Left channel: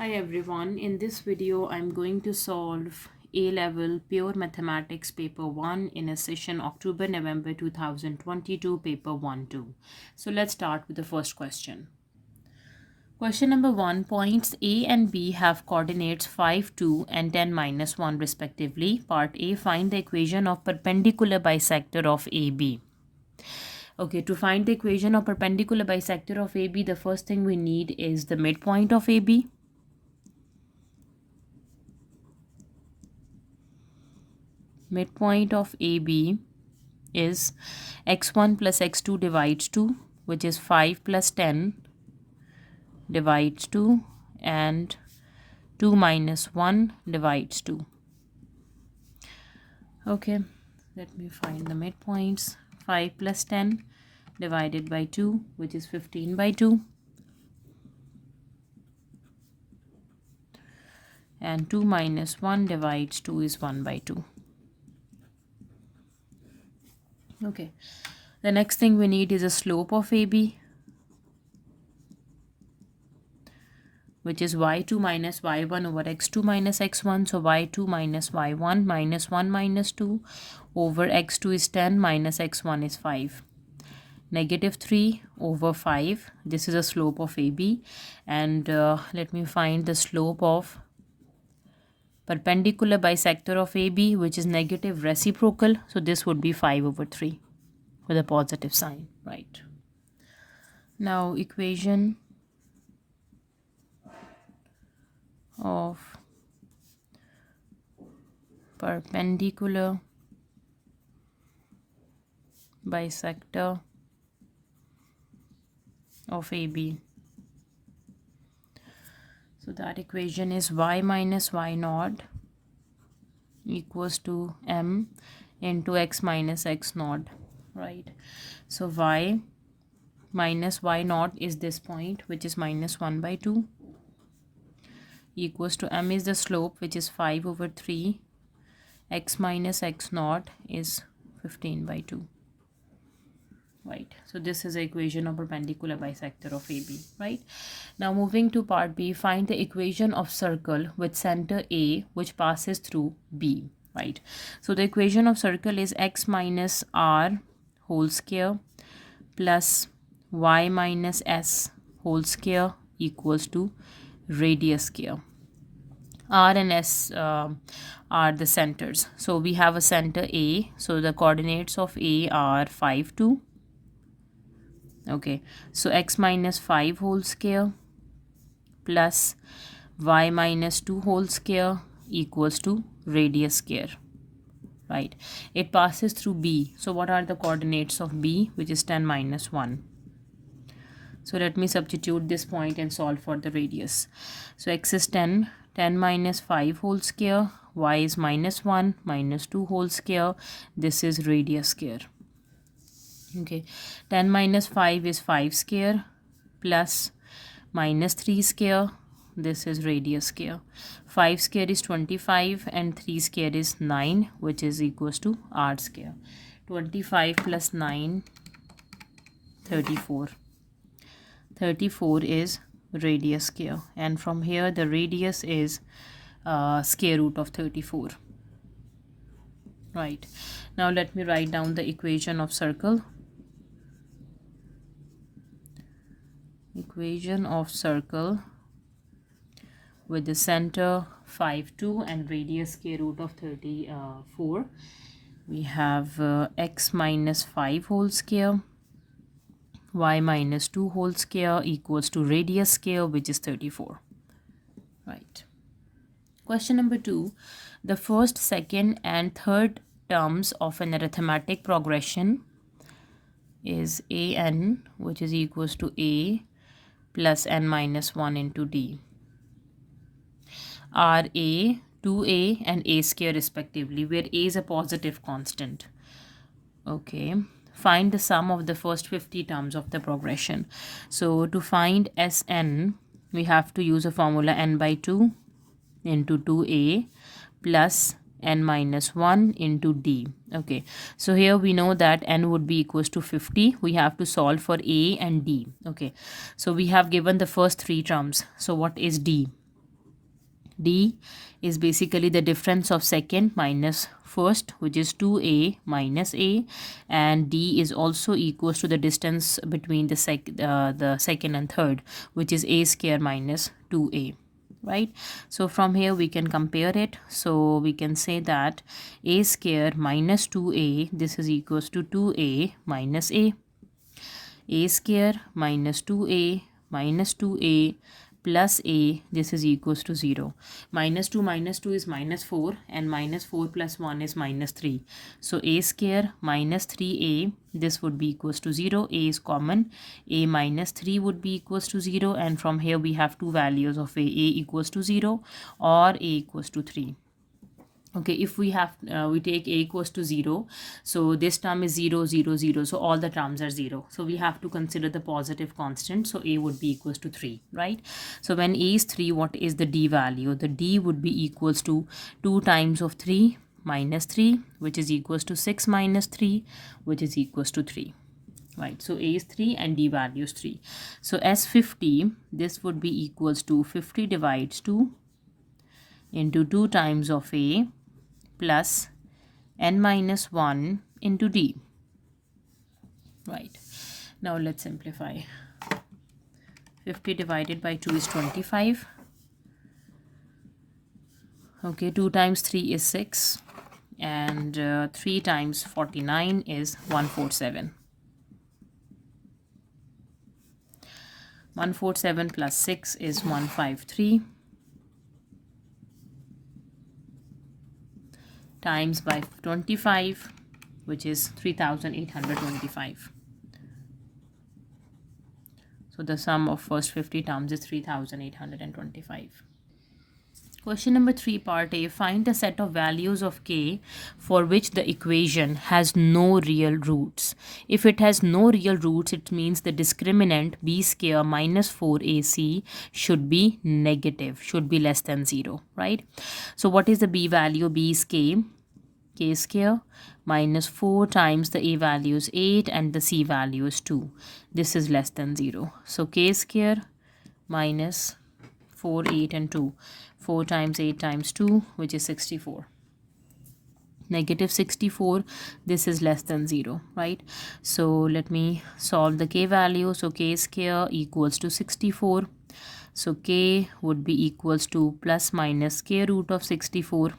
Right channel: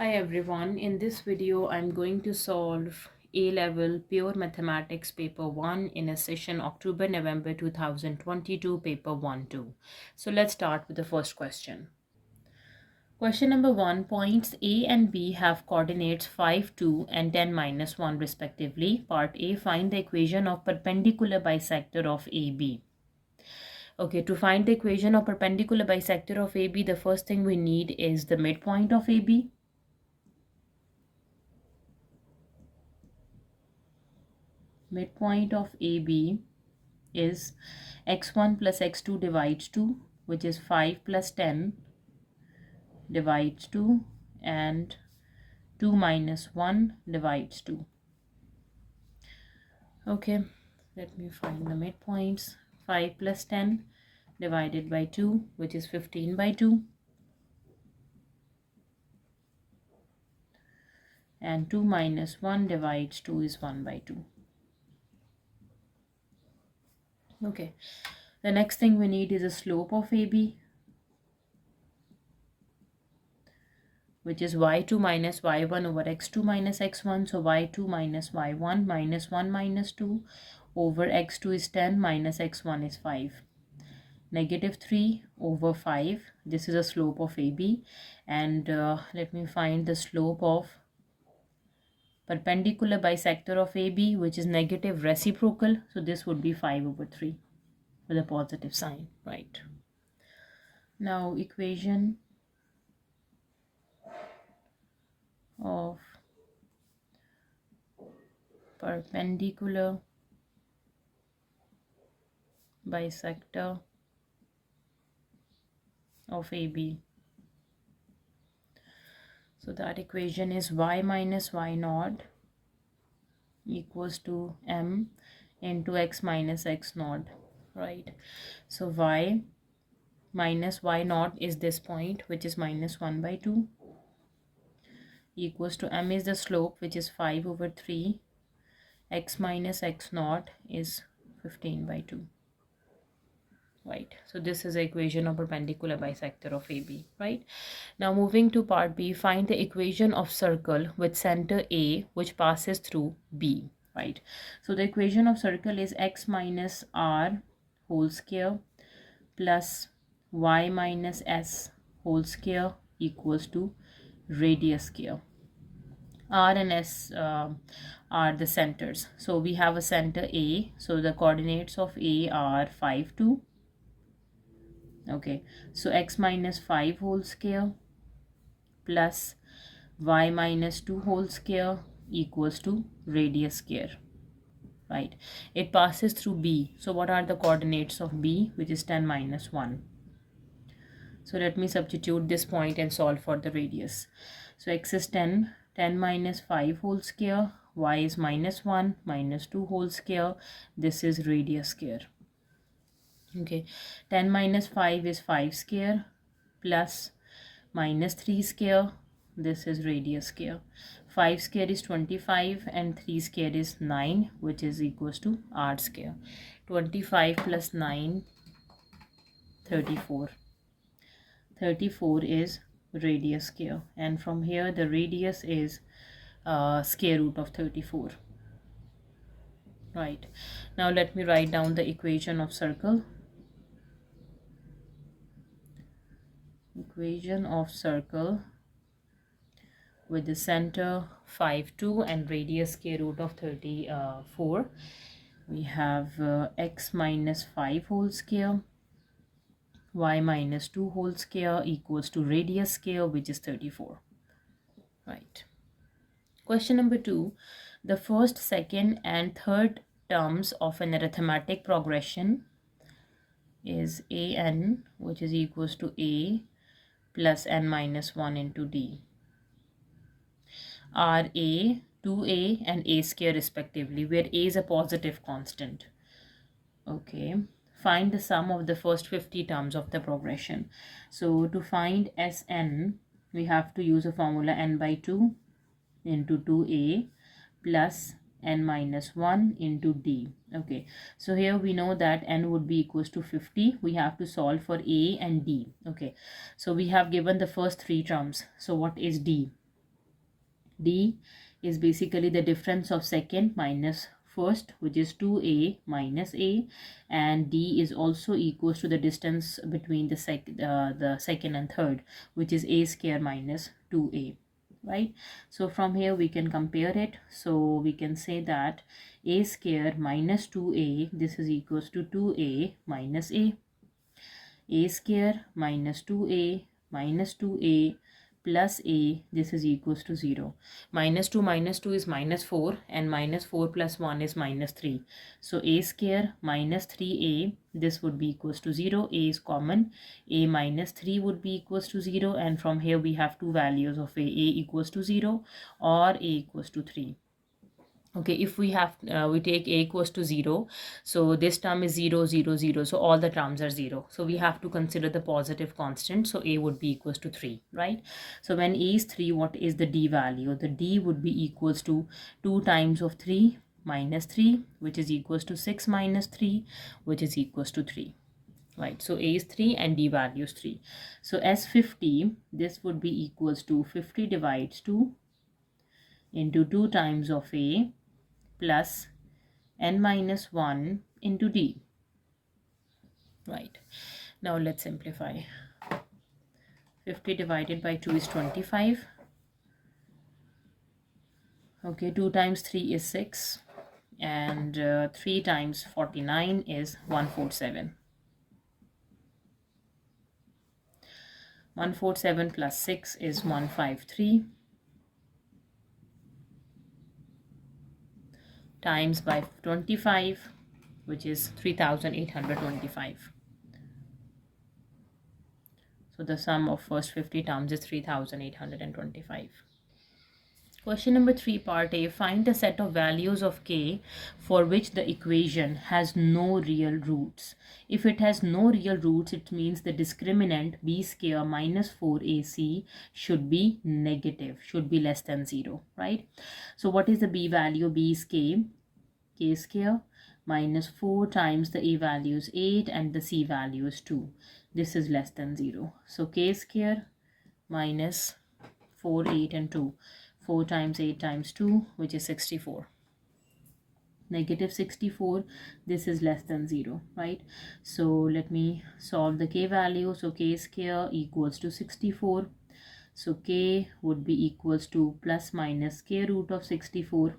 Hi everyone, in this video I'm going to solve A-level Pure Mathematics paper 1 in a session October-November 2022 paper 1-2. So let's start with the first question. Question number 1, points A and B have coordinates 5, 2 and 10 minus 1 respectively. Part A, find the equation of perpendicular bisector of AB. Okay, to find the equation of perpendicular bisector of AB, the first thing we need is the midpoint of AB. Midpoint of AB is x1 plus x2 divides 2, which is 5 plus 10 divides 2, and 2 minus 1 divides 2. Okay, let me find the midpoints. 5 plus 10 divided by 2, which is 15 by 2, and 2 minus 1 divides 2 is 1 by 2. Okay, the next thing we need is a slope of AB, which is y2 minus y1 over x2 minus x1. So y2 minus y1 minus 1 minus 2 over x2 is 10 minus x1 is 5. Negative 3 over 5. This is a slope of AB. And let me find the slope of perpendicular bisector of AB, which is negative reciprocal. So this would be 5 over 3 with a positive sign, right? Now equation of perpendicular bisector of AB. So that equation is y minus y naught equals to m into x minus x naught, right? So y minus y naught is this point, which is minus 1 by 2, equals to m is the slope, which is 5 over 3. X minus x naught is 15 by 2. Right, so this is the equation of perpendicular bisector of AB, right? Now moving to part B, find the equation of circle with center A which passes through B, right? So the equation of circle is x minus r whole square plus y minus s whole square equals to radius square. R and S are the centers. So we have a center A. So the coordinates of A are 5, 2. Okay, so x minus 5 whole square plus y minus 2 whole square equals to radius square, right? It passes through B. So what are the coordinates of B, which is 10 minus 1? So let me substitute this point and solve for the radius. So x is 10, 10 minus 5 whole square, y is minus 1, minus 2 whole square. This is radius square. Okay, 10 minus 5 is 5 square plus minus 3 square. This is radius square. 5 square is 25 and 3 square is 9, which is equals to r square. 25 plus 9, 34. 34 is radius square, and from here the radius is square root of 34, right? Now let me write down the equation of circle. Equation of circle with the center 5, 2 and radius square root of 34. We have x minus 5 whole square, y minus 2 whole square equals to radius square, which is 34, right? Question number 2, the first, second and third terms of an arithmetic progression is an, which is equals to a plus n minus 1 into d, are a, 2a and a square respectively, where a is a positive constant. Okay, find the sum of the first 50 terms of the progression. So to find Sn, we have to use a formula n by 2 into 2a plus n minus 1 into d. Okay, so here we know that n would be equals to 50. We have to solve for a and d. Okay, so we have given the first 3 terms. So what is d? D is basically the difference of second minus first, which is 2a minus a, and D is also equals to the distance between the second and third, which is a square minus 2a. Right, so from here we can compare it. So we can say that a square minus 2a, this is equals to 2a minus a square minus 2a minus 2a plus a, this is equals to 0. Minus 2 is minus 4, and minus 4 plus 1 is minus 3. So a square minus 3a, this would be equals to 0. A is common. A minus 3 would be equals to 0, and from here we have two values of a equals to 0 or a equals to 3. Okay, if we have we take a equals to 0, so this term is 0 0 0, so all the terms are 0, so we have to consider the positive constant, so a would be equals to 3, right? So when a is 3, what is the D value? The D would be equals to 2 times of 3 minus 3, which is equals to 6 minus 3, which is equals to 3. Right, so a is 3 and D value is 3. So as 50, this would be equals to 50 divides 2 into 2 times of a plus n minus 1 into D. Right, now let's simplify. 50 divided by 2 is 25. Okay, 2 times 3 is 6, and 3 times 49 is 147. 147 plus 6 is 153. Times by 25, which is 3825. So the sum of first 50 terms is 3825. Question number 3, part A. Find the set of values of k for which the equation has no real roots. If it has no real roots, it means the discriminant b square minus 4ac should be negative, should be less than 0, right? So what is the b value? B is k square minus 4 times the a value is 8 and the c value is 2. This is less than 0. So k square minus 4, 8 and 2. 4 times 8 times 2, which is 64. Negative 64, this is less than 0, right? So let me solve the k value. So k square equals to 64. So k would be equals to plus minus square root of 64.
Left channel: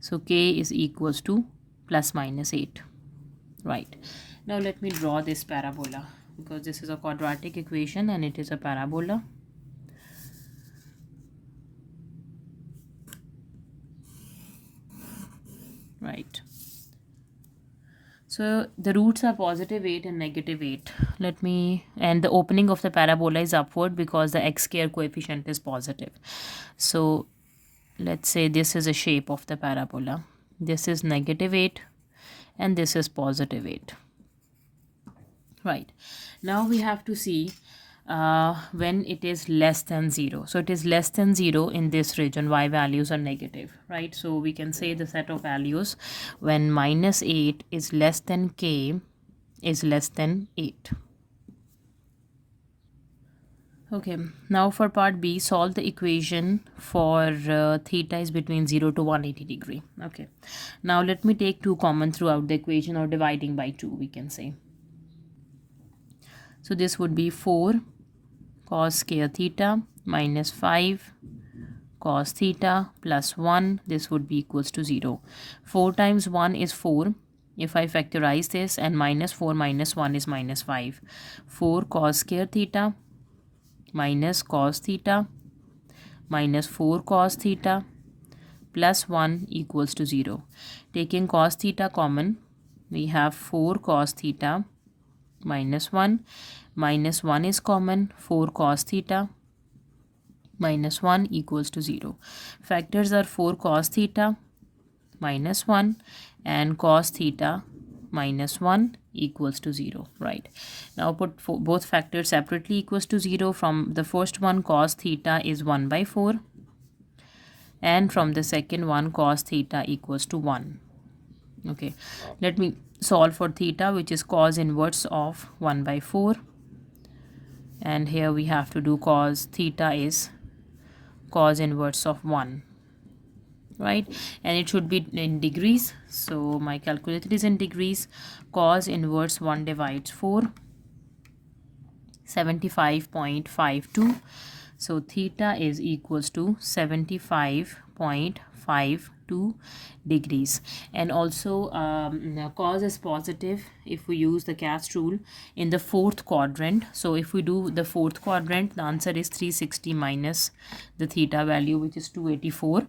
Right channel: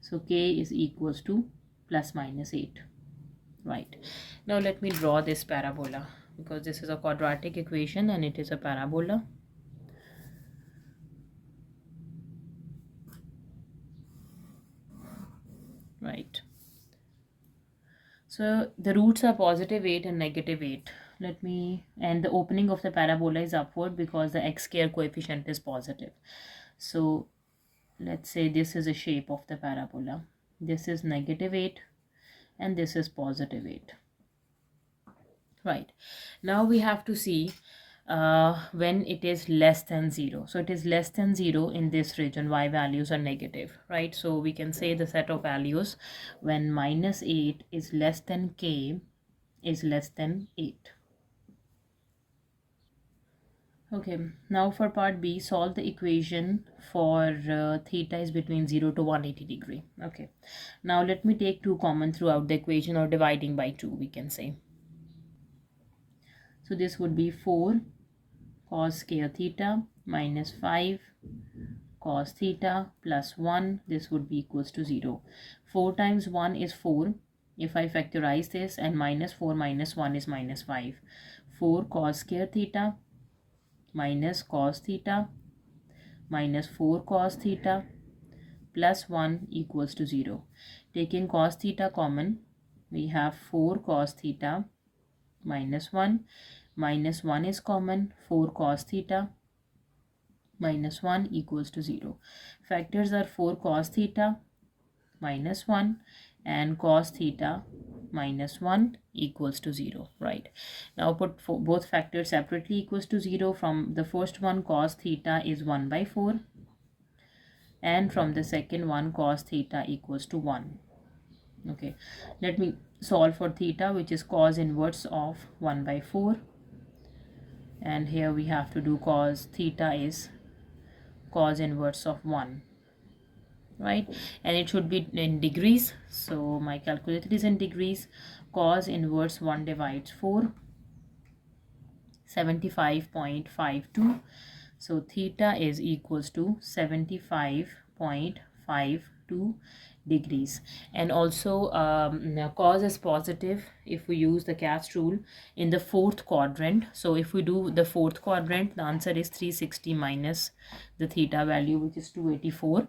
So k is equals to plus minus 8. Right. Now let me draw this parabola, because this is a quadratic equation and it is a parabola. Right. So the roots are positive 8 and negative 8. And the opening of the parabola is upward because the x square coefficient is positive. So let's say this is a shape of the parabola. This is negative 8 and this is positive 8. Right. Now we have to see when it is less than 0. So it is less than 0 in this region. Y values are negative, right? So we can say the set of values when minus 8 is less than k is less than 8. Okay, now for part B, solve the equation for theta is between 0 to 180 degree. Okay, now let me take 2 common throughout the equation, or dividing by 2 we can say. So this would be 4 cos square theta minus 5 cos theta plus 1. This would be equals to 0. 4 times 1 is 4. If I factorize this, and minus 4 minus 1 is minus 5. 4 cos square theta minus cos theta minus 4 cos theta plus 1 equals to 0. Taking cos theta common, we have 4 cos theta minus 1. Minus 1 is common. 4 cos theta minus 1 equals to 0. Factors are 4 cos theta minus 1 and cos theta minus 1 equals to 0. Right. Now put both factors separately equals to 0. From the first one, cos theta is 1 by 4. And from the second one, cos theta equals to 1. Okay. Let me solve for theta, which is cos inverse of 1 by 4. And here we have to do cos theta is cos inverse of 1, right? And it should be in degrees, so my calculator is in degrees. Cos inverse 1 divides 4, 75.52. So theta is equals to 75.52 degrees. And also now cos is positive if we use the cast rule in the fourth quadrant. So if we do the fourth quadrant, the answer is 360 minus the theta value, which is 284,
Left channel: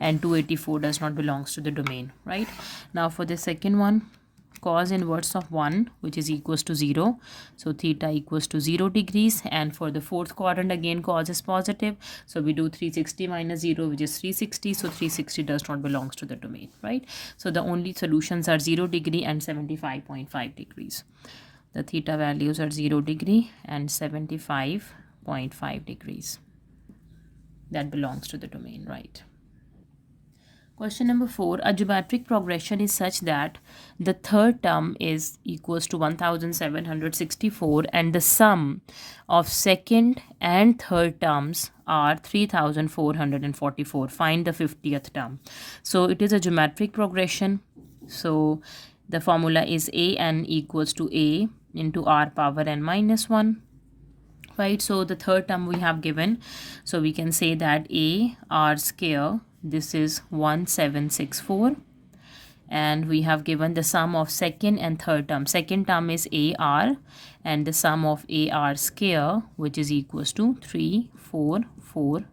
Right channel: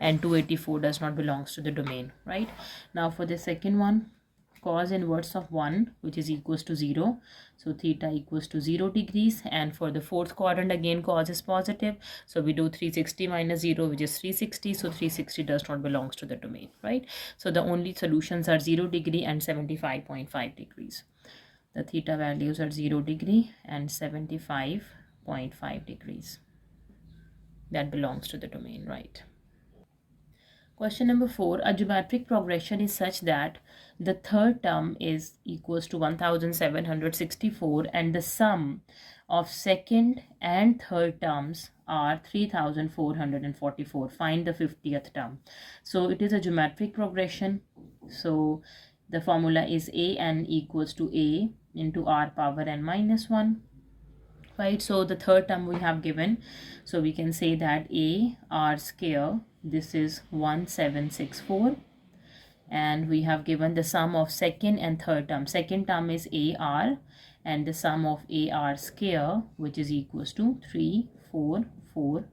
and 284 does not belongs to the domain, right? Now for the second one, cos inverse of 1, which is equals to 0, so theta equals to 0 degrees. And for the fourth quadrant, again cos is positive, so we do 360 minus 0, which is 360, so 360 does not belongs to the domain, right? So the only solutions are 0 degree and 75.5 degrees. The theta values are 0 degree and 75.5 degrees. That belongs to the domain, right? Question number 4, a geometric progression is such that the third term is equals to 1764 and the sum of second and third terms are 3444. Find the 50th term. So it is a geometric progression. So the formula is an equals to a into r power n minus 1. Right, so the third term we have given, so we can say that a r square, this is 1764, and we have given the sum of second and third term. Second term is ar, and the sum of ar square, which is equals to 3444.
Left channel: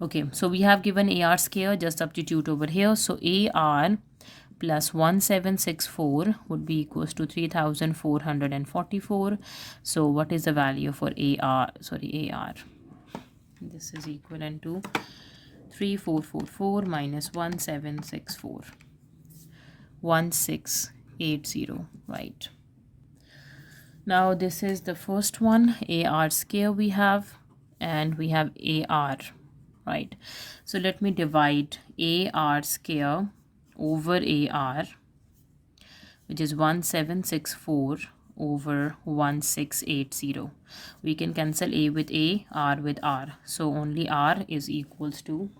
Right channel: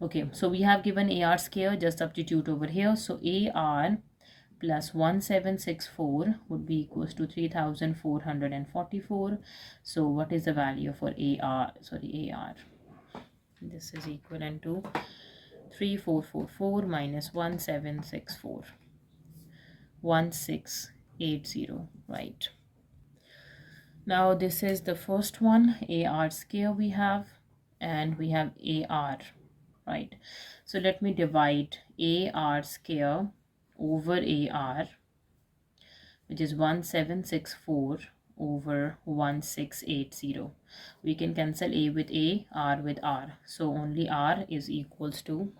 Okay, so we have given ar square, just substitute over here. So ar plus 1764 would be equals to 3444. So what is the value for ar? This is equivalent to 3444 minus 1764, 1680, right? Now this is the first one, ar square we have, and we have ar, right? So let me divide ar square over ar, which is 1764 over 1680. We can cancel a with a, r with r, so only r is equals to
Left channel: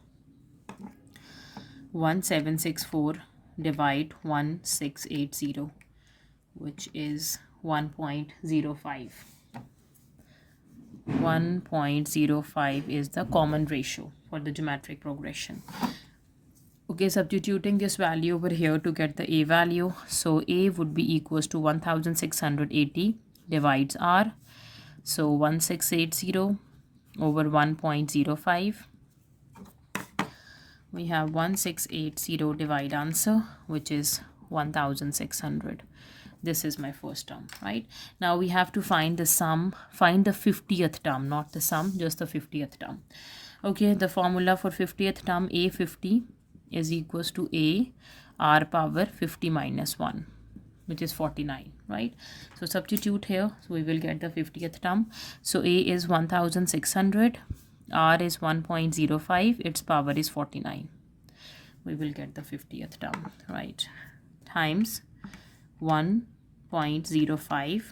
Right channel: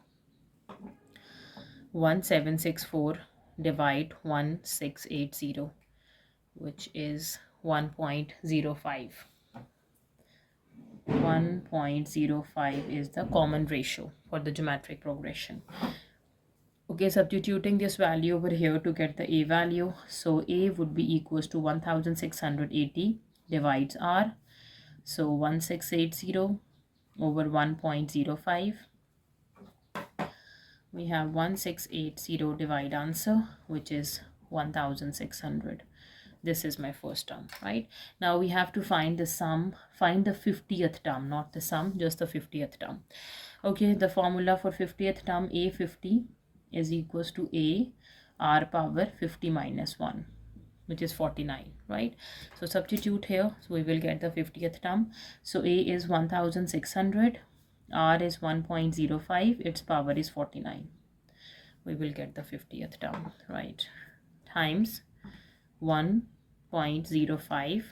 1764 divide 1680, which is 1.05. 1.05 is the common ratio for the geometric progression. Okay, substituting this value over here to get the a value. So a would be equals to 1680 divides r. So 1680 over 1.05. We have 1680 divide answer, which is 1600. This is my first term, right? Now we have to find the sum, find the 50th term, not the sum, just the 50th term. Okay, the formula for 50th term, a50 is equals to a r power 50 minus 1, which is 49, right? So substitute here, so we will get the 50th term. So a is 1600, r is 1.05, its power is 49. We will get the 50th term, right? Times 1.05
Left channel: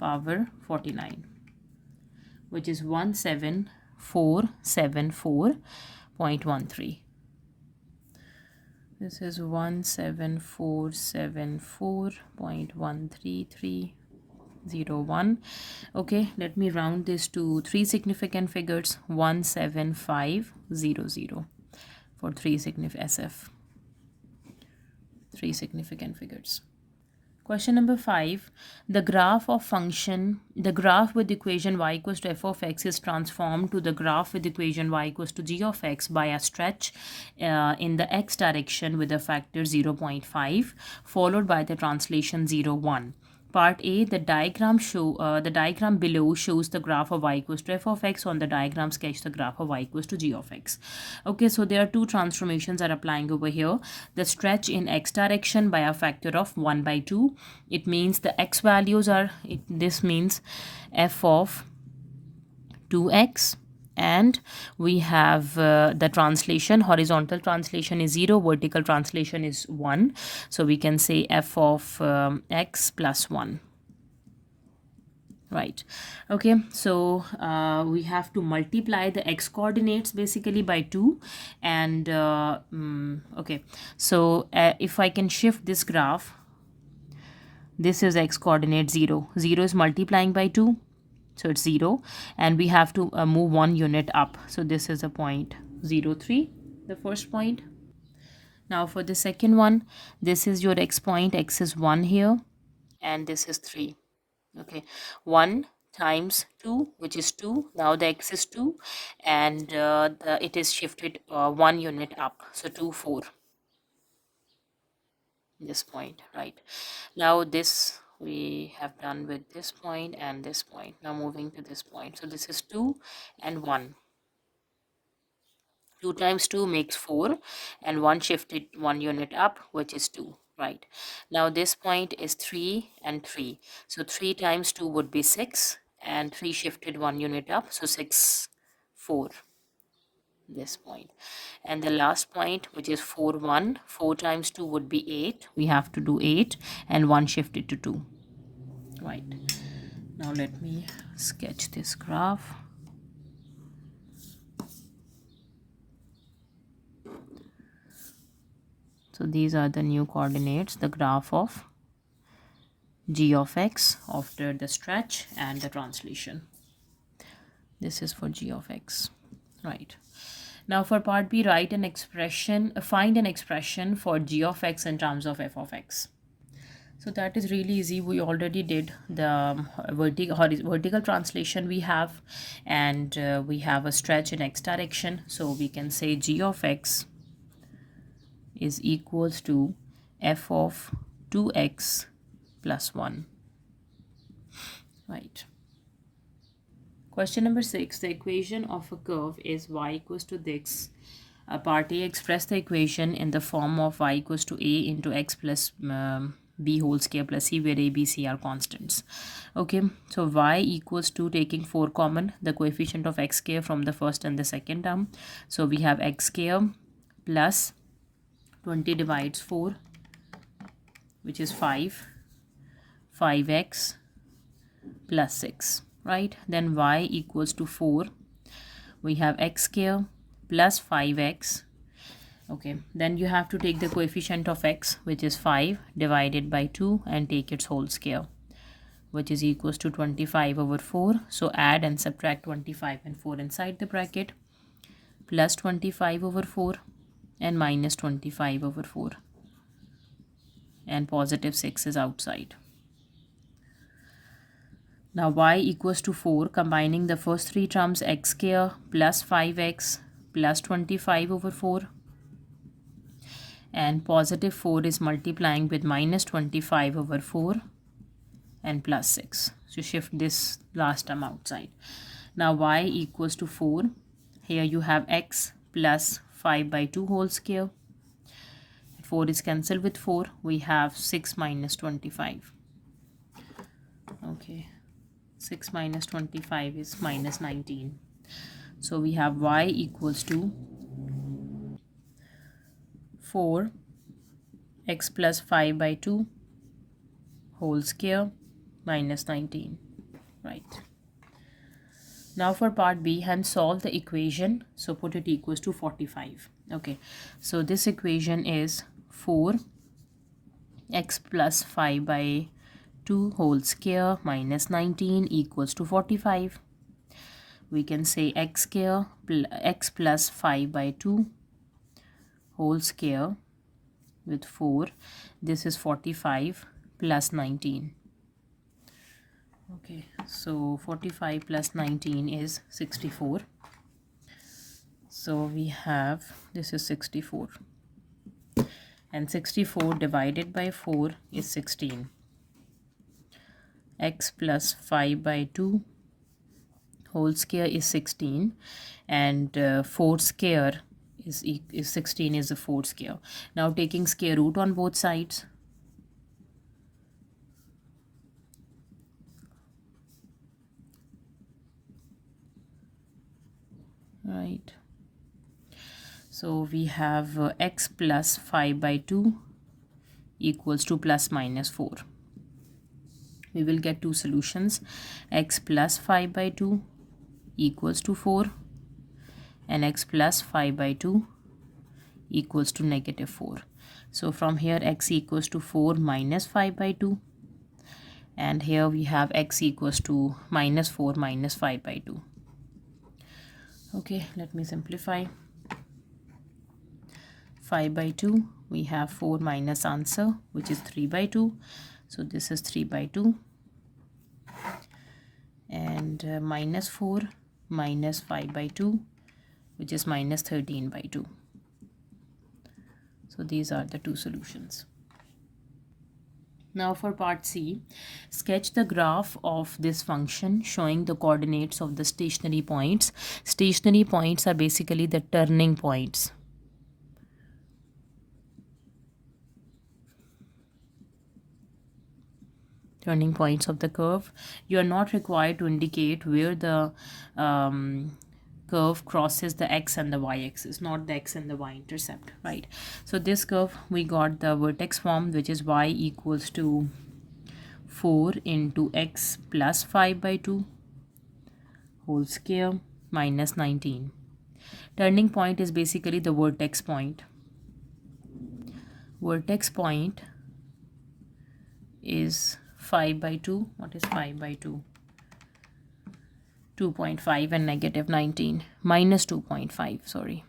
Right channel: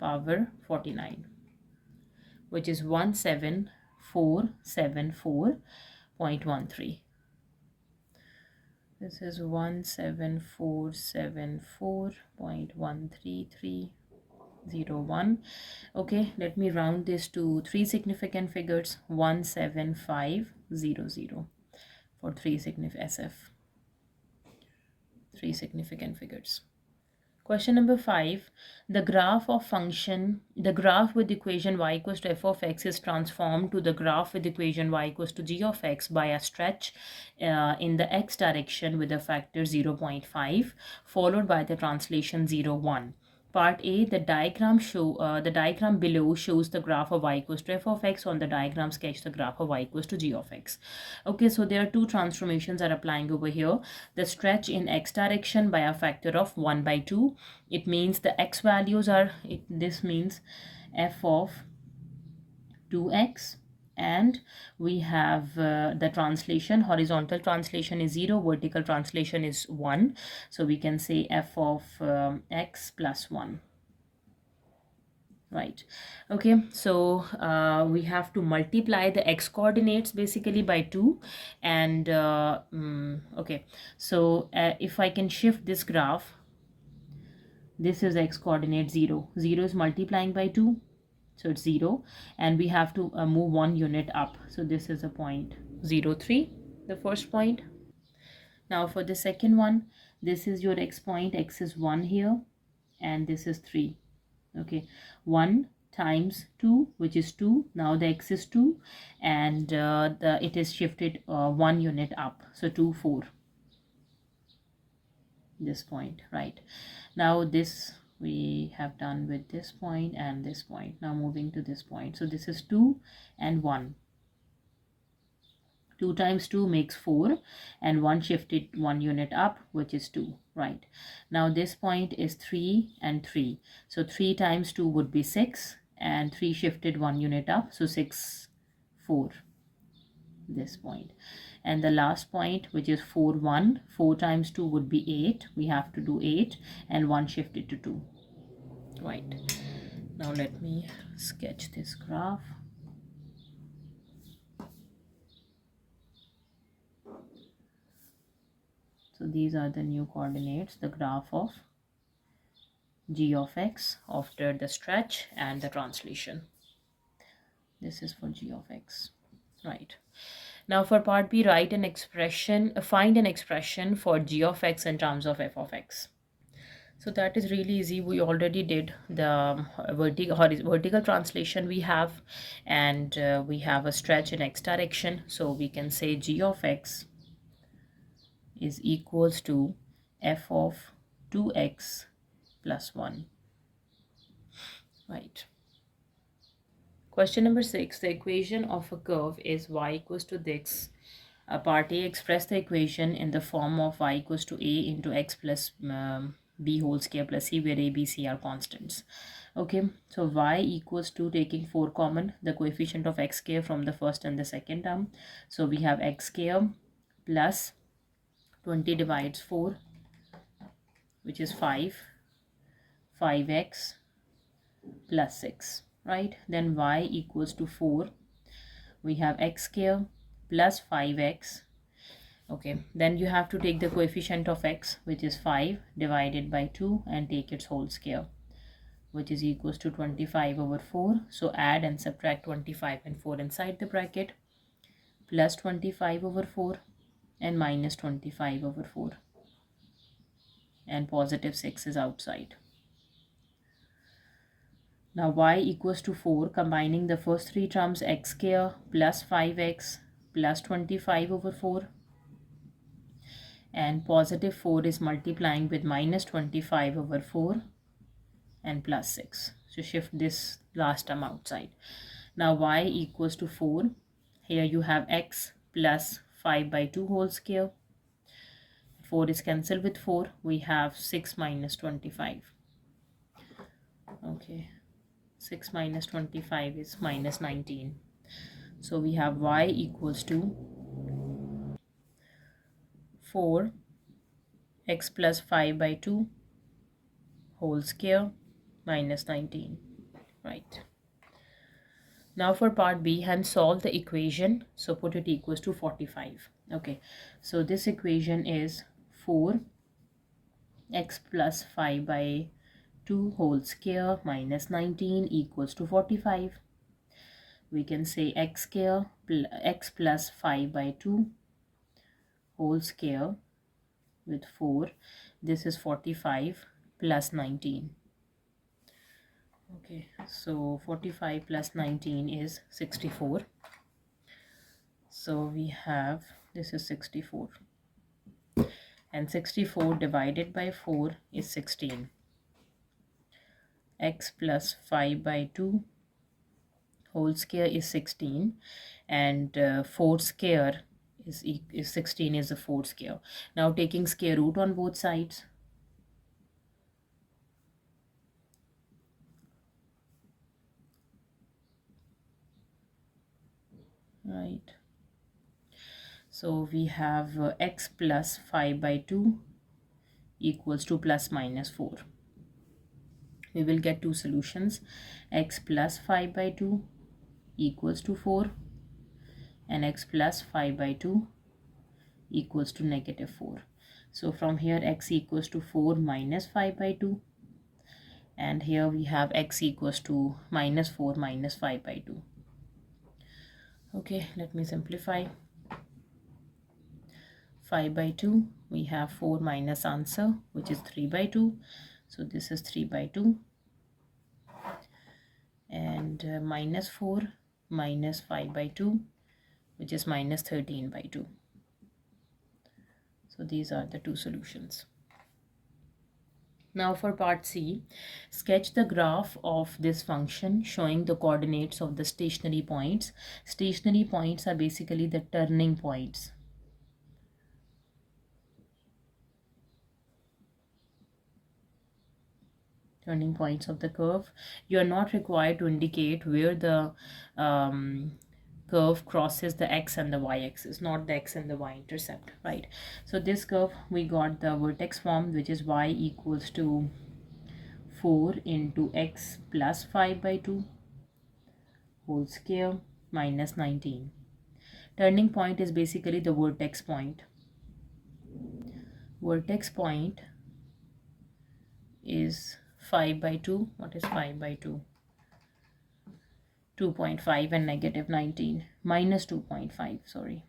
power 49, which is 17474.13. This is 17474.13301. Okay, let me round this to 3 significant figures. 17500 for 3 significant figures. Question number 5. The graph with equation y equals to f of x is transformed to the graph with equation y equals to g of x by a stretch in the x direction with a factor 0.5 followed by the translation 0, 1. Part A, the diagram below shows the graph of y equals to f of x. On the diagram, sketch the graph of y equals to g of x. Okay, so there are 2 transformations are applying over here. The stretch in x direction by a factor of 1/2. It means the x values are, this means f of 2x. And we have the translation, horizontal translation is 0, vertical translation is 1. So we can say f of x plus 1. right? Okay, so we have to multiply the x coordinates basically by 2, and okay, so if I can shift this graph, this is x coordinate 0. 0 is multiplying by 2, so it's 0, and we have to move 1 unit up. So this is a point 0, 3, the first point. Now for the second one, this is your x point, x is 1 here, and this is 3. Okay, 1 times 2, which is 2. Now the x is 2, and it is shifted 1 unit up, so 2, 4, this point, right? Now this we have done with this point and this point. Now moving to this point, so this is 2 and 1. 2 times 2 makes 4, and 1 shifted 1 unit up, which is 2, right? Now this point is 3 and 3, so 3 times 2 would be 6, and 3 shifted 1 unit up, so 6, 4, this point. And the last point, which is 4, 1, 4 times 2 would be 8. We have to do 8, and 1 shifted to 2, right? Now let me sketch this graph. So these are the new coordinates, the graph of g of x after the stretch and the translation. This is for g of x, right? Now for part B, write an expression, find an expression for g of x in terms of f of x. So that is really easy. We already did the vertical translation we have, and we have a stretch in x direction. So we can say g of x is equals to f of 2x plus 1, right? Question number 6, the equation of a curve is y equals to this. Part A, express the equation in the form of y equals to a into x plus b whole square plus c, where a, b, c are constants. Okay, so y equals to, taking 4 common, the coefficient of x square from the first and the second term. So we have x square plus 20 divides 4, which is 5, 5x plus 6, right? Then y equals to 4. We have x square plus 5x. Okay, then you have to take the coefficient of x, which is 5, divided by 2 and take its whole square, which is equals to 25 over 4. So add and subtract 25 and 4 inside the bracket, plus 25 over 4 and minus 25 over 4, and positive 6 is outside. Now y equals to 4, combining the first 3 terms, x square plus 5x plus 25 over 4, and positive 4 is multiplying with minus 25 over 4 and plus 6. So shift this last term outside. Now y equals to 4. Here you have x plus 5 by 2 whole square. 4 is cancelled with 4. We have 6 minus 25. Okay, 6 minus 25 is minus 19. So we have y equals to 4 x plus 5 by 2 whole square minus 19, right? Now for part B, hence solve the equation. So put it equals to 45. Okay, so this equation is 4 x plus 5 by 2 whole square minus 19 equals to 45. We can say x square x plus 5 by 2 whole square with 4. This is 45 plus 19. Okay, so 45 plus 19 is 64. So we have, this is 64. And 64 divided by 4 is 16. X plus 5 by 2 whole square is 16. And 4 square is 16 is a 4 square. Now taking square root on both sides. Right. So we have x plus 5 by 2 equals to plus minus 4. we will get two solutions. X plus 5 by 2 equals to 4 and x plus 5 by 2 equals to negative 4. So from here x equals to 4 minus 5 by 2, and here we have x equals to minus 4 minus 5 by 2. Okay, let me simplify. 5 by 2, we have 4 minus answer, which is 3 by 2. So this is 3 by 2. And minus 4 minus 5 by 2, which is minus 13 by 2. So these are the two solutions. Now for part C, sketch the graph of this function showing the coordinates of the stationary points. Stationary points are basically the turning points. Turning points of the curve. You are not required to indicate where the curve crosses the x and the y axis, not the x and the y intercept, right? So this curve, we got the vertex form, which is y equals to 4 into x plus 5 by 2 whole square minus 19. Turning point is basically the vertex point. Vertex point is 5 by 2. What is 5 by 2? 2.5 and negative 19. Minus 2.5, sorry.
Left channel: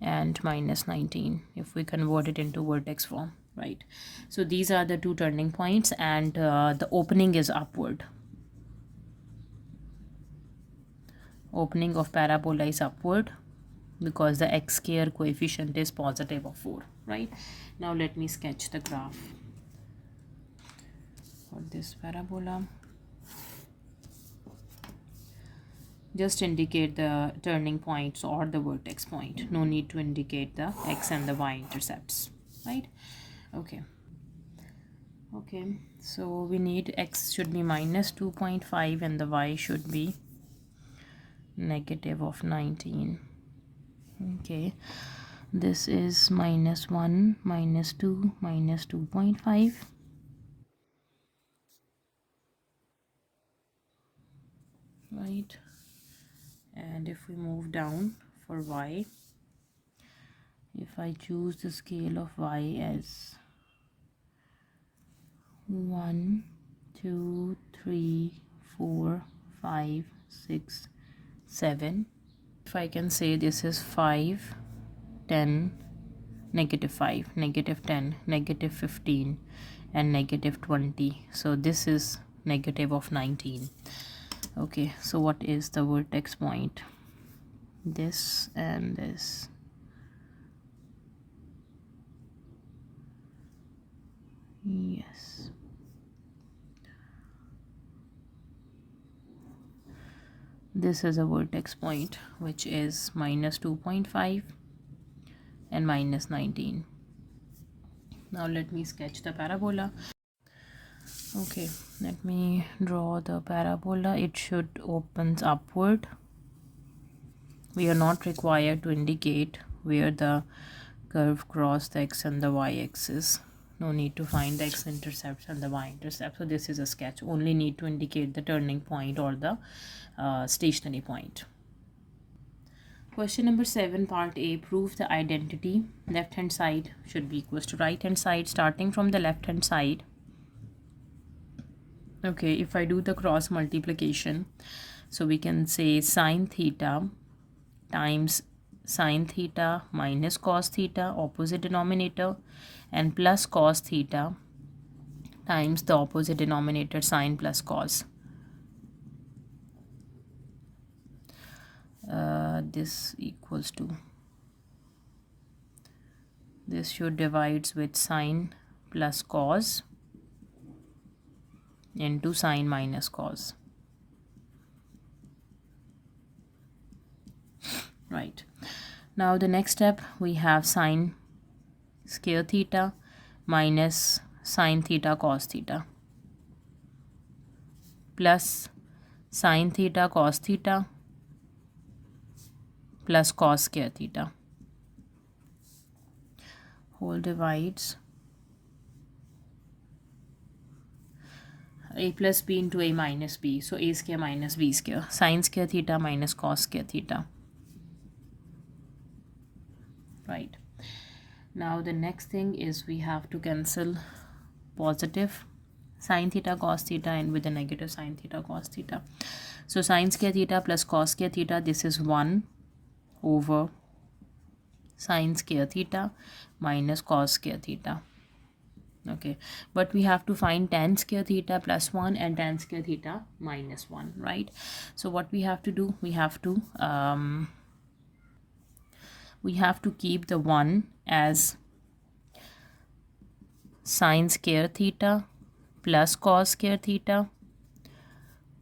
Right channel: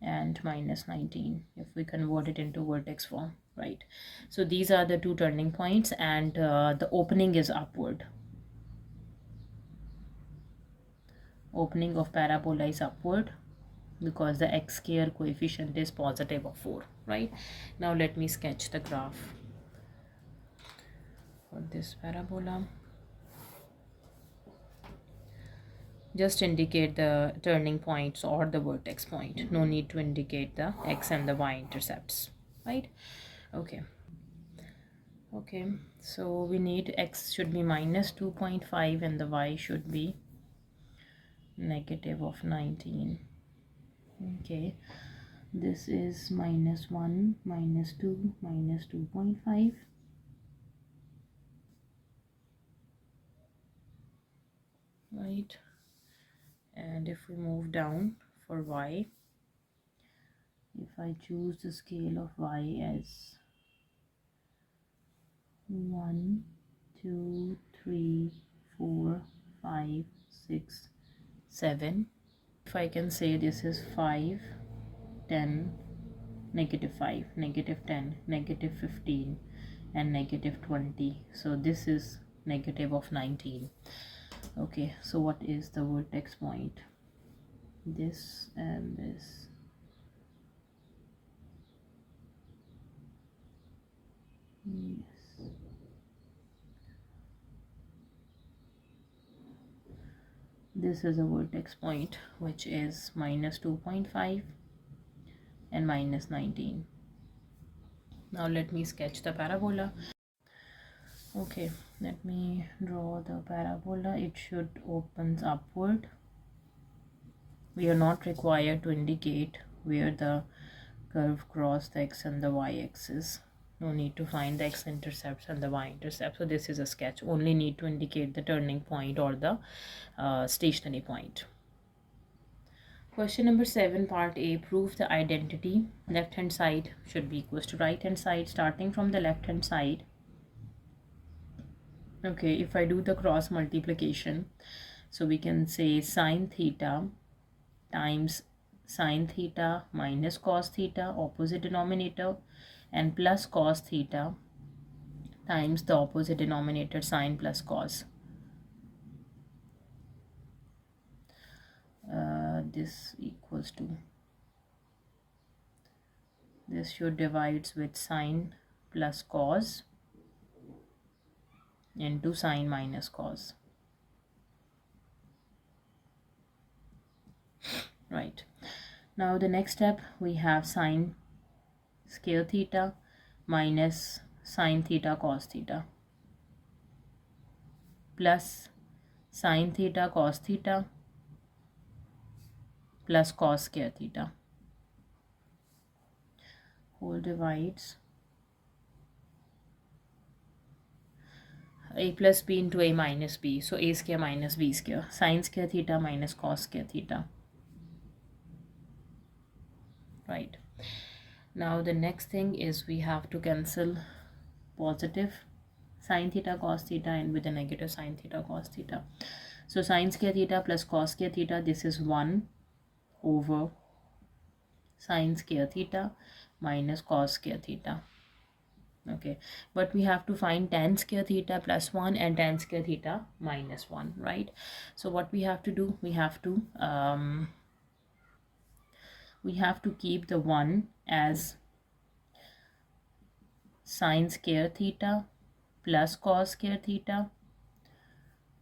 And minus 19 if we convert it into vertex form, right? So these are the two turning points, and the opening is upward. Opening of parabola is upward because the x square coefficient is positive of 4, right? Now let me sketch the graph for this parabola. Just indicate the turning points or the vertex point. No need to indicate the x and the y intercepts, right? Okay. Okay, so we need x should be minus 2.5 and the y should be negative of 19. Okay, this is minus 1, minus 2, minus 2.5. Right, and if we move down for y, if I choose the scale of y as 1, 2, 3, 4, 5, 6, 7. If I can say this is 5, 10, negative 5, negative 10, negative 15, and negative 20. So this is negative of 19. Okay, so what is the vertex point? This and this. Yes. This is a vertex point, which is minus 2.5 and minus 19. Now let me sketch the parabola. Okay, let me draw the parabola. It should opens upward. We are not required to indicate where the curve cross the x and the y axis. No need to find the x-intercepts and the y-intercept. So this is a sketch. Only need to indicate the turning point or the stationary point. Question number 7, part A. Prove the identity. Left hand side should be equals to right hand side. Starting from the left hand side. Okay, if I do the cross multiplication, so we can say sine theta times sine theta minus cos theta, opposite denominator, and plus cos theta times the opposite denominator, sine plus cos. This equals to, this should divides with sine plus cos into sine minus cos. Right, now the next step, we have sine square theta minus sine theta cos theta plus sine theta cos theta plus cos square theta, whole divides. a plus b into a minus b. So a square minus b square. Sine square theta minus cos square theta. Right. Now the next thing is we have to cancel positive sine theta cos theta and with the negative sine theta cos theta. So sine square theta plus cos square theta, this is 1 over sine square theta minus cos square theta. Okay, but we have to find tan square theta plus 1 and tan square theta minus 1, right? So what we have to do, we have to keep the 1 as sine square theta plus cos square theta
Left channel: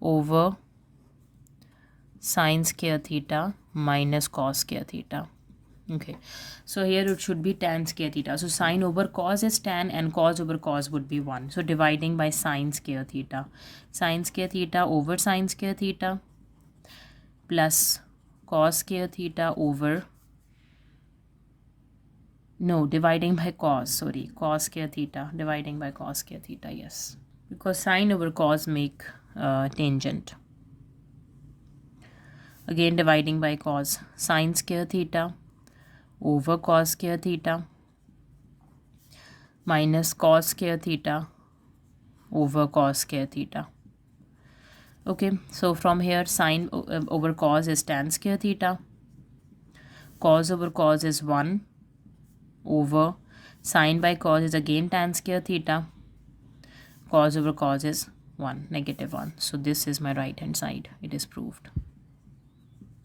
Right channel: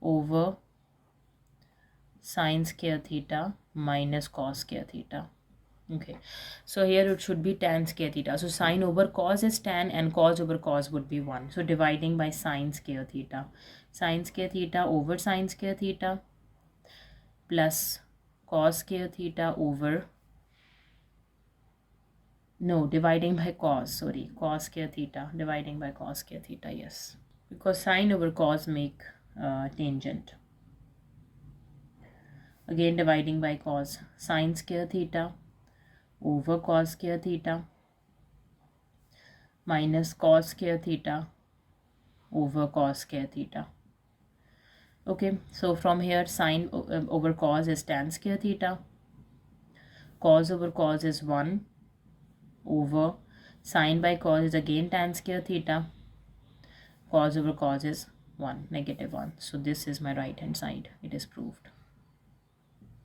over sine square theta minus cos square theta. Okay, so here it should be tan square theta. So sine over cos is tan and cos over cos would be 1. So dividing by sine square theta. Sine square theta over sine square theta plus cos square theta over, no, dividing by cos, sorry, cos square theta, dividing by cos square theta, yes. Because sine over cos make tangent. Again dividing by cos, sine square theta over cos square theta minus cos square theta over cos square theta. Okay, so from here sine over cos is tan square theta, cos over cos is 1 over sine by cos is again tan square theta, cos over cos is 1, negative 1. So this is my right hand side. It is proved.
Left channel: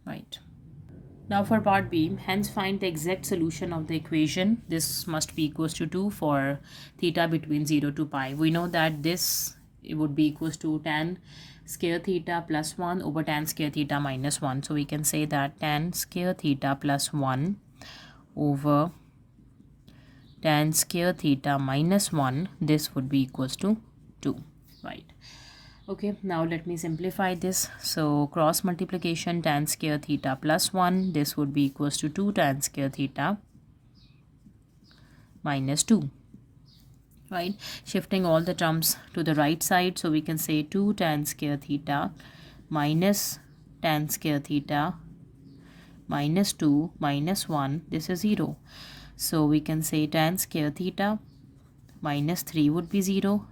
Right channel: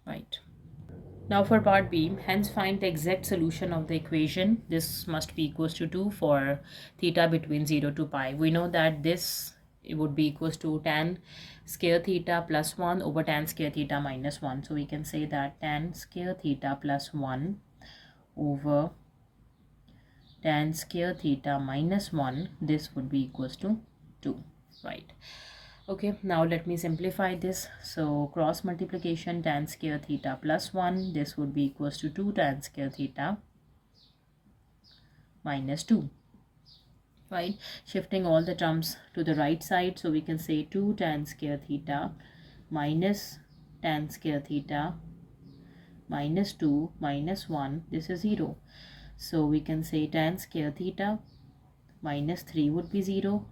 Right. Now for part B, hence find the exact solution of the equation. This must be equals to 2 for theta between 0 to pi. We know that this it would be equals to tan square theta plus 1 over tan square theta minus 1. So we can say that tan square theta plus 1 over tan square theta minus 1, this would be equals to 2, right? Okay, now let me simplify this. So cross multiplication tan square theta plus 1, this would be equals to 2 tan square theta minus 2, right? Shifting all the terms to the right side, so we can say 2 tan square theta minus tan square theta minus 2 minus 1, this is 0. So we can say tan square theta minus 3 would be 0.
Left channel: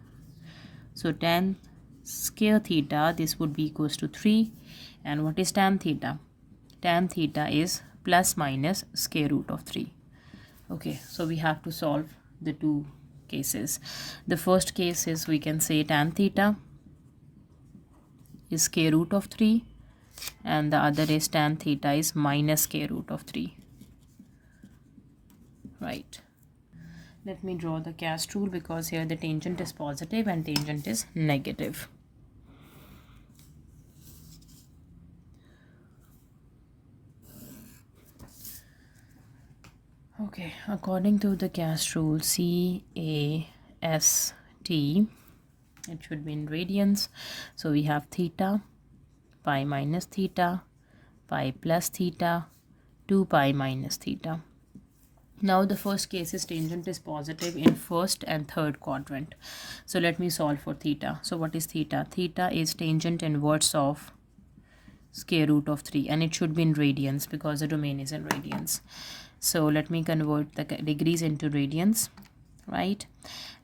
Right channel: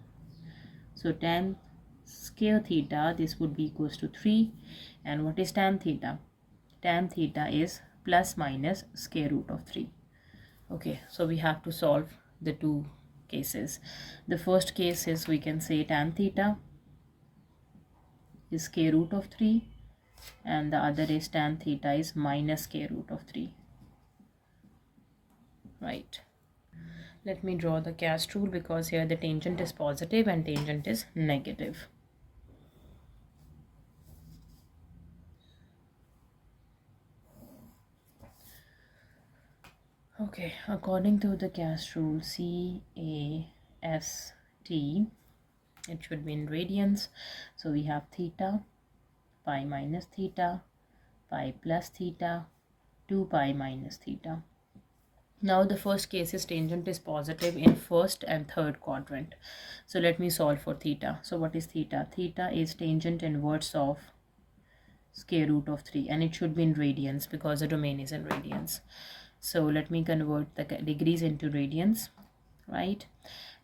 So tan square theta, this would be equals to 3. And what is tan theta? Tan theta is plus minus square root of 3. Okay, so we have to solve the two cases. The first case is we can say tan theta is square root of 3 and the other is tan theta is minus square root of 3. Right. Let me draw the cast rule because here the tangent is positive and tangent is negative. Okay, according to the cast rule CAST, it should be in radians. So we have theta, pi minus theta, pi plus theta, 2 pi minus theta. Now the first case is tangent is positive in first and third quadrant. So let me solve for theta. So what is theta? Theta is tangent inverse of square root of 3 and it should be in radians because the domain is in radians. So let me convert the degrees into radians, right?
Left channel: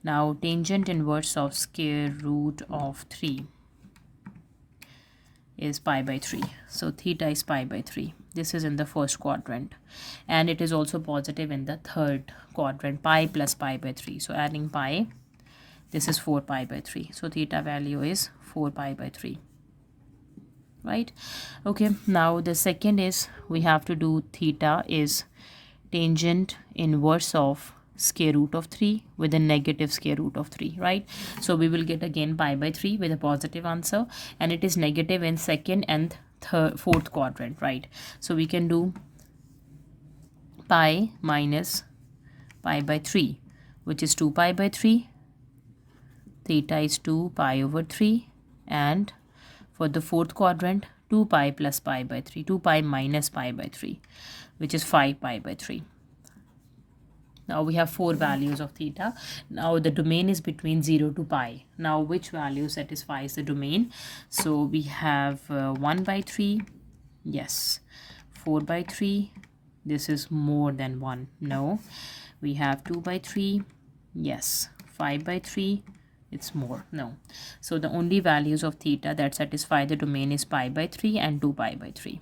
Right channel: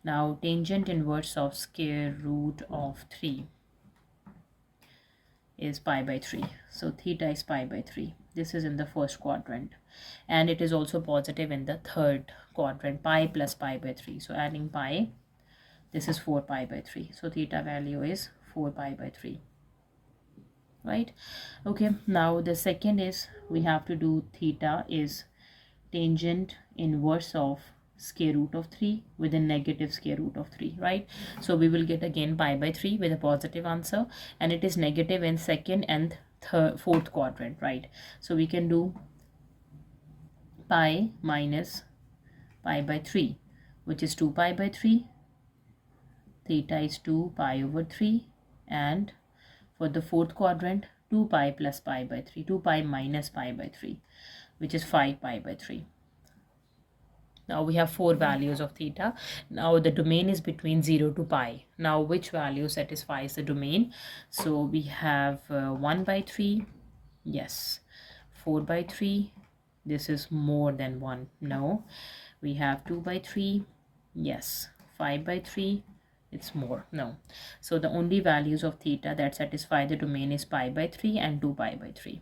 Now tangent inverse of square root of 3 is pi by 3. So theta is pi by 3. This is in the first quadrant and it is also positive in the third quadrant, pi plus pi by 3. So adding pi, this is 4 pi by 3. So theta value is 4 pi by 3, right? Okay, now the second is we have to do theta is tangent inverse of square root of 3 with a negative square root of 3, right? So we will get again pi by 3 with a positive answer and it is negative in second and fourth quadrant, right? So we can do pi minus pi by 3, which is 2 pi by 3. Theta is 2 pi over 3 and for the fourth quadrant 2 pi plus pi by 3, 2 pi minus pi by 3, which is 5 pi by 3. Now we have 4 values of theta. Now the domain is between 0 to pi. Now which value satisfies the domain? So we have 1 by 3. Yes. 4 by 3. This is more than 1. No. We have 2 by 3. Yes. 5 by 3. It's more. No. So the only values of theta that satisfy the domain is pi by 3 and 2 pi by 3.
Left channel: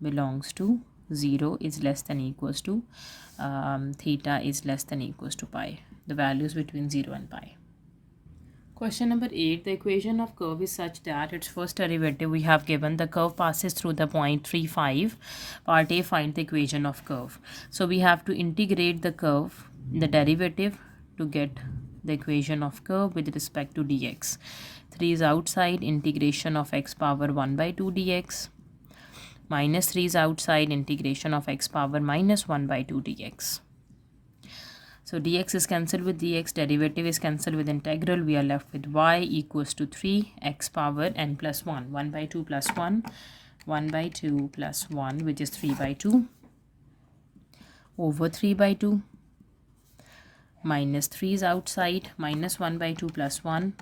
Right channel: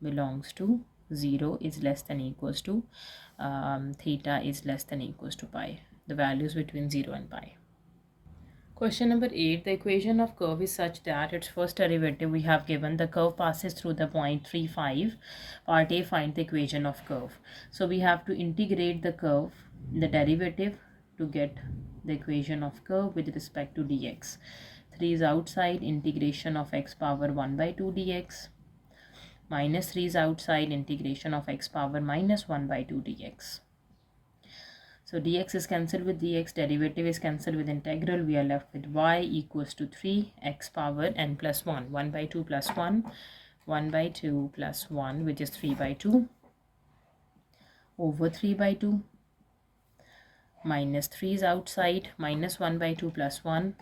Belongs to 0 is less than equals to theta is less than equals to pi. The values between 0 and pi. Question number 8. The equation of curve is such that its first derivative we have given. The curve passes through the point 3,5. Part A, find the equation of curve. So we have to integrate the curve, the derivative, to get the equation of curve with respect to dx. 3 is outside, integration of x power 1 by 2 dx. Minus 3 is outside, integration of x power minus 1 by 2 dx. So dx is cancelled with dx, derivative is cancelled with integral. We are left with y equals to 3 x power n plus 1. 1 by 2 plus 1. 1 by 2 plus 1, which is 3 by 2. Over 3 by 2. Minus 3 is outside. Minus 1 by 2 plus 1,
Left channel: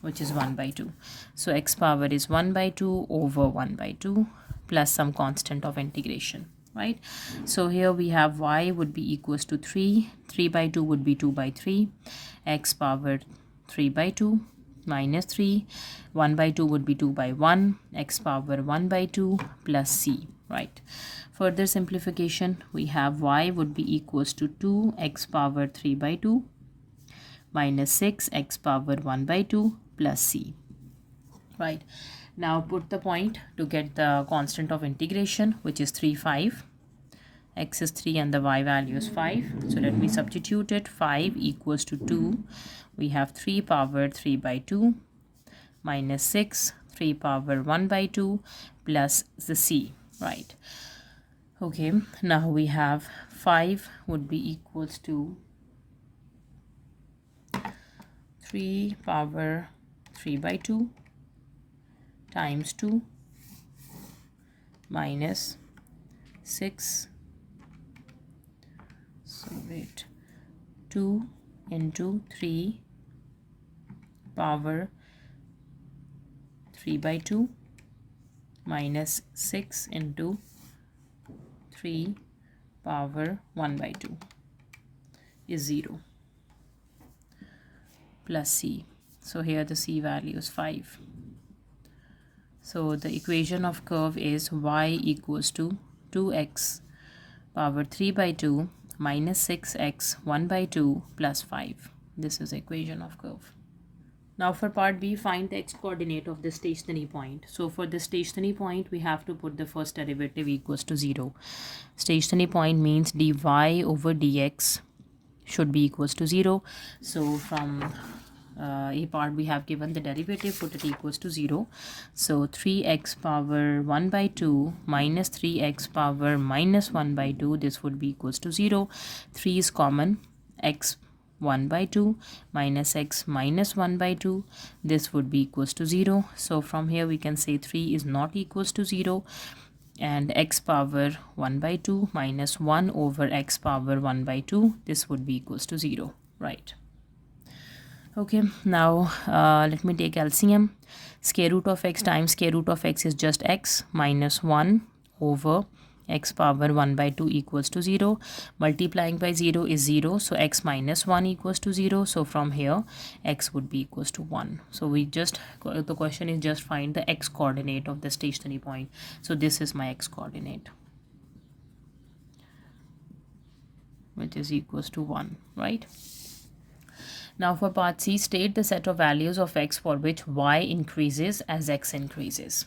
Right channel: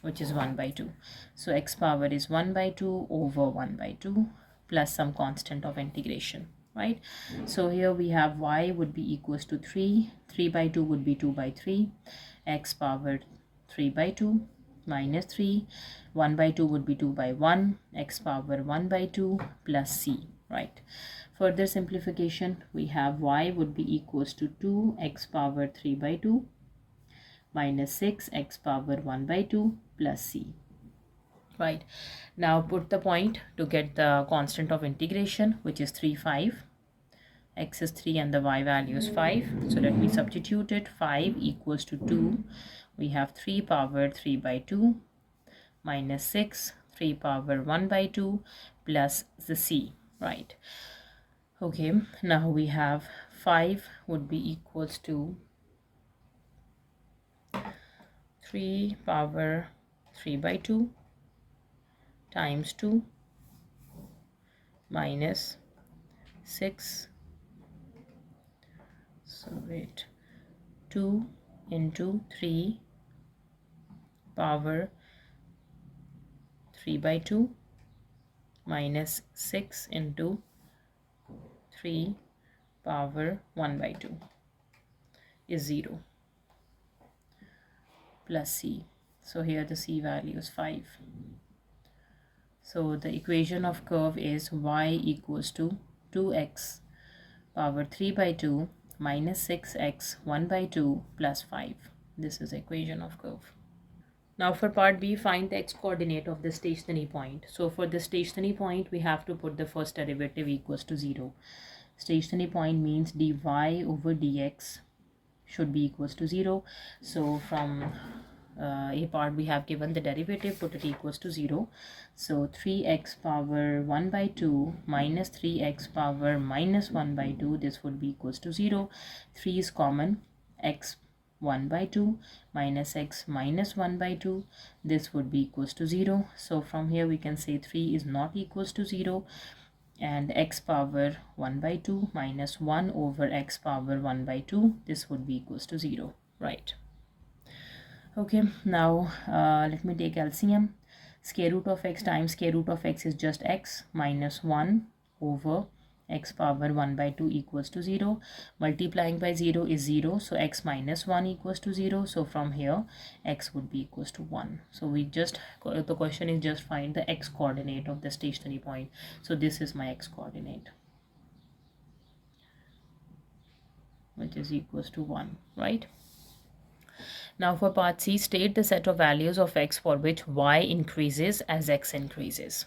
which is 1 by 2. So x power is 1 by 2 over 1 by 2 plus some constant of integration. Right, so here we have y would be equals to 3 by 2 would be 2 by 3, x power 3 by 2 minus 3, 1 by 2 would be 2 by 1, x power 1 by 2 plus c. Right, further simplification, we have y would be equals to 2 x power 3 by 2 minus 6 x power 1 by 2 plus c. Right, now put the point to get the constant of integration, which is 3, 5. X is 3 and the y value is 5. So let me substitute it. 5 equals to 2. We have 3 power 3 by 2 minus 6, 3 power 1 by 2 plus the c. Right. Okay, now we have 5 would be equals to 3 power 3 by 2 times 2 minus 6. So wait, 2 into 3 power 3 by 2 minus 6 into 3 power 1 by 2 is 0 plus c. So here the c value is 5. So the equation of curve is y equals to 2x power 3 by 2 minus 6x 1 by 2 plus 5. This is the equation of curve. Now for part B, find the x coordinate of the stationary point. So for the stationary point, we have to put the first derivative equals to 0. Stationary point means dy over dx should be equals to 0. So from a part we have given the derivative, put it equals to 0. So 3x power 1 by 2 minus 3x power minus 1 by 2, this would be equals to 0. 3 is common, x 1 by 2 minus x minus 1 by 2, this would be equals to 0. So from here we can say 3 is not equals to 0, and x power 1 by 2 minus 1 over x power 1 by 2, this would be equals to 0. Right. Okay, now let me take LCM. Square root of x times square root of x is just x minus 1 over x power 1 by 2 equals to 0. Multiplying by 0 is 0. So x minus 1 equals to 0. So from here, x would be equals to 1. So we just, the question is just find the x coordinate of the stationary point. So this is my x coordinate, which is equals to 1, right? Now for part C, state the set of values of x for which y increases as x increases.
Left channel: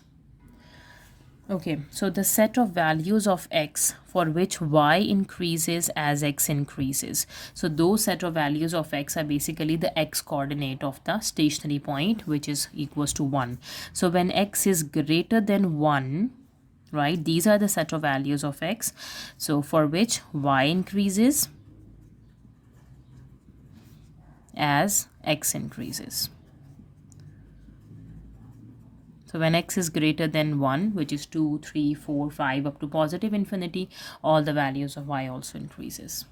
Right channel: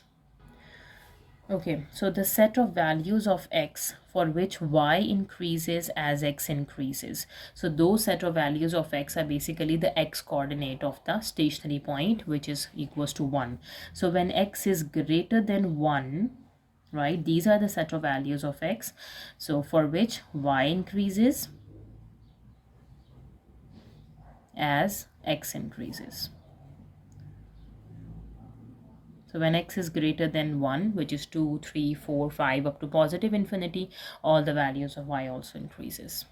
Okay, so the set of values of x for which y increases as x increases. So those set of values of x are basically the x coordinate of the stationary point, which is equals to 1. So when x is greater than 1, right, these are the set of values of x. So for which y increases as x increases. So when x is greater than 1, which is 2, 3, 4, 5 up to positive infinity, all the values of y also increases.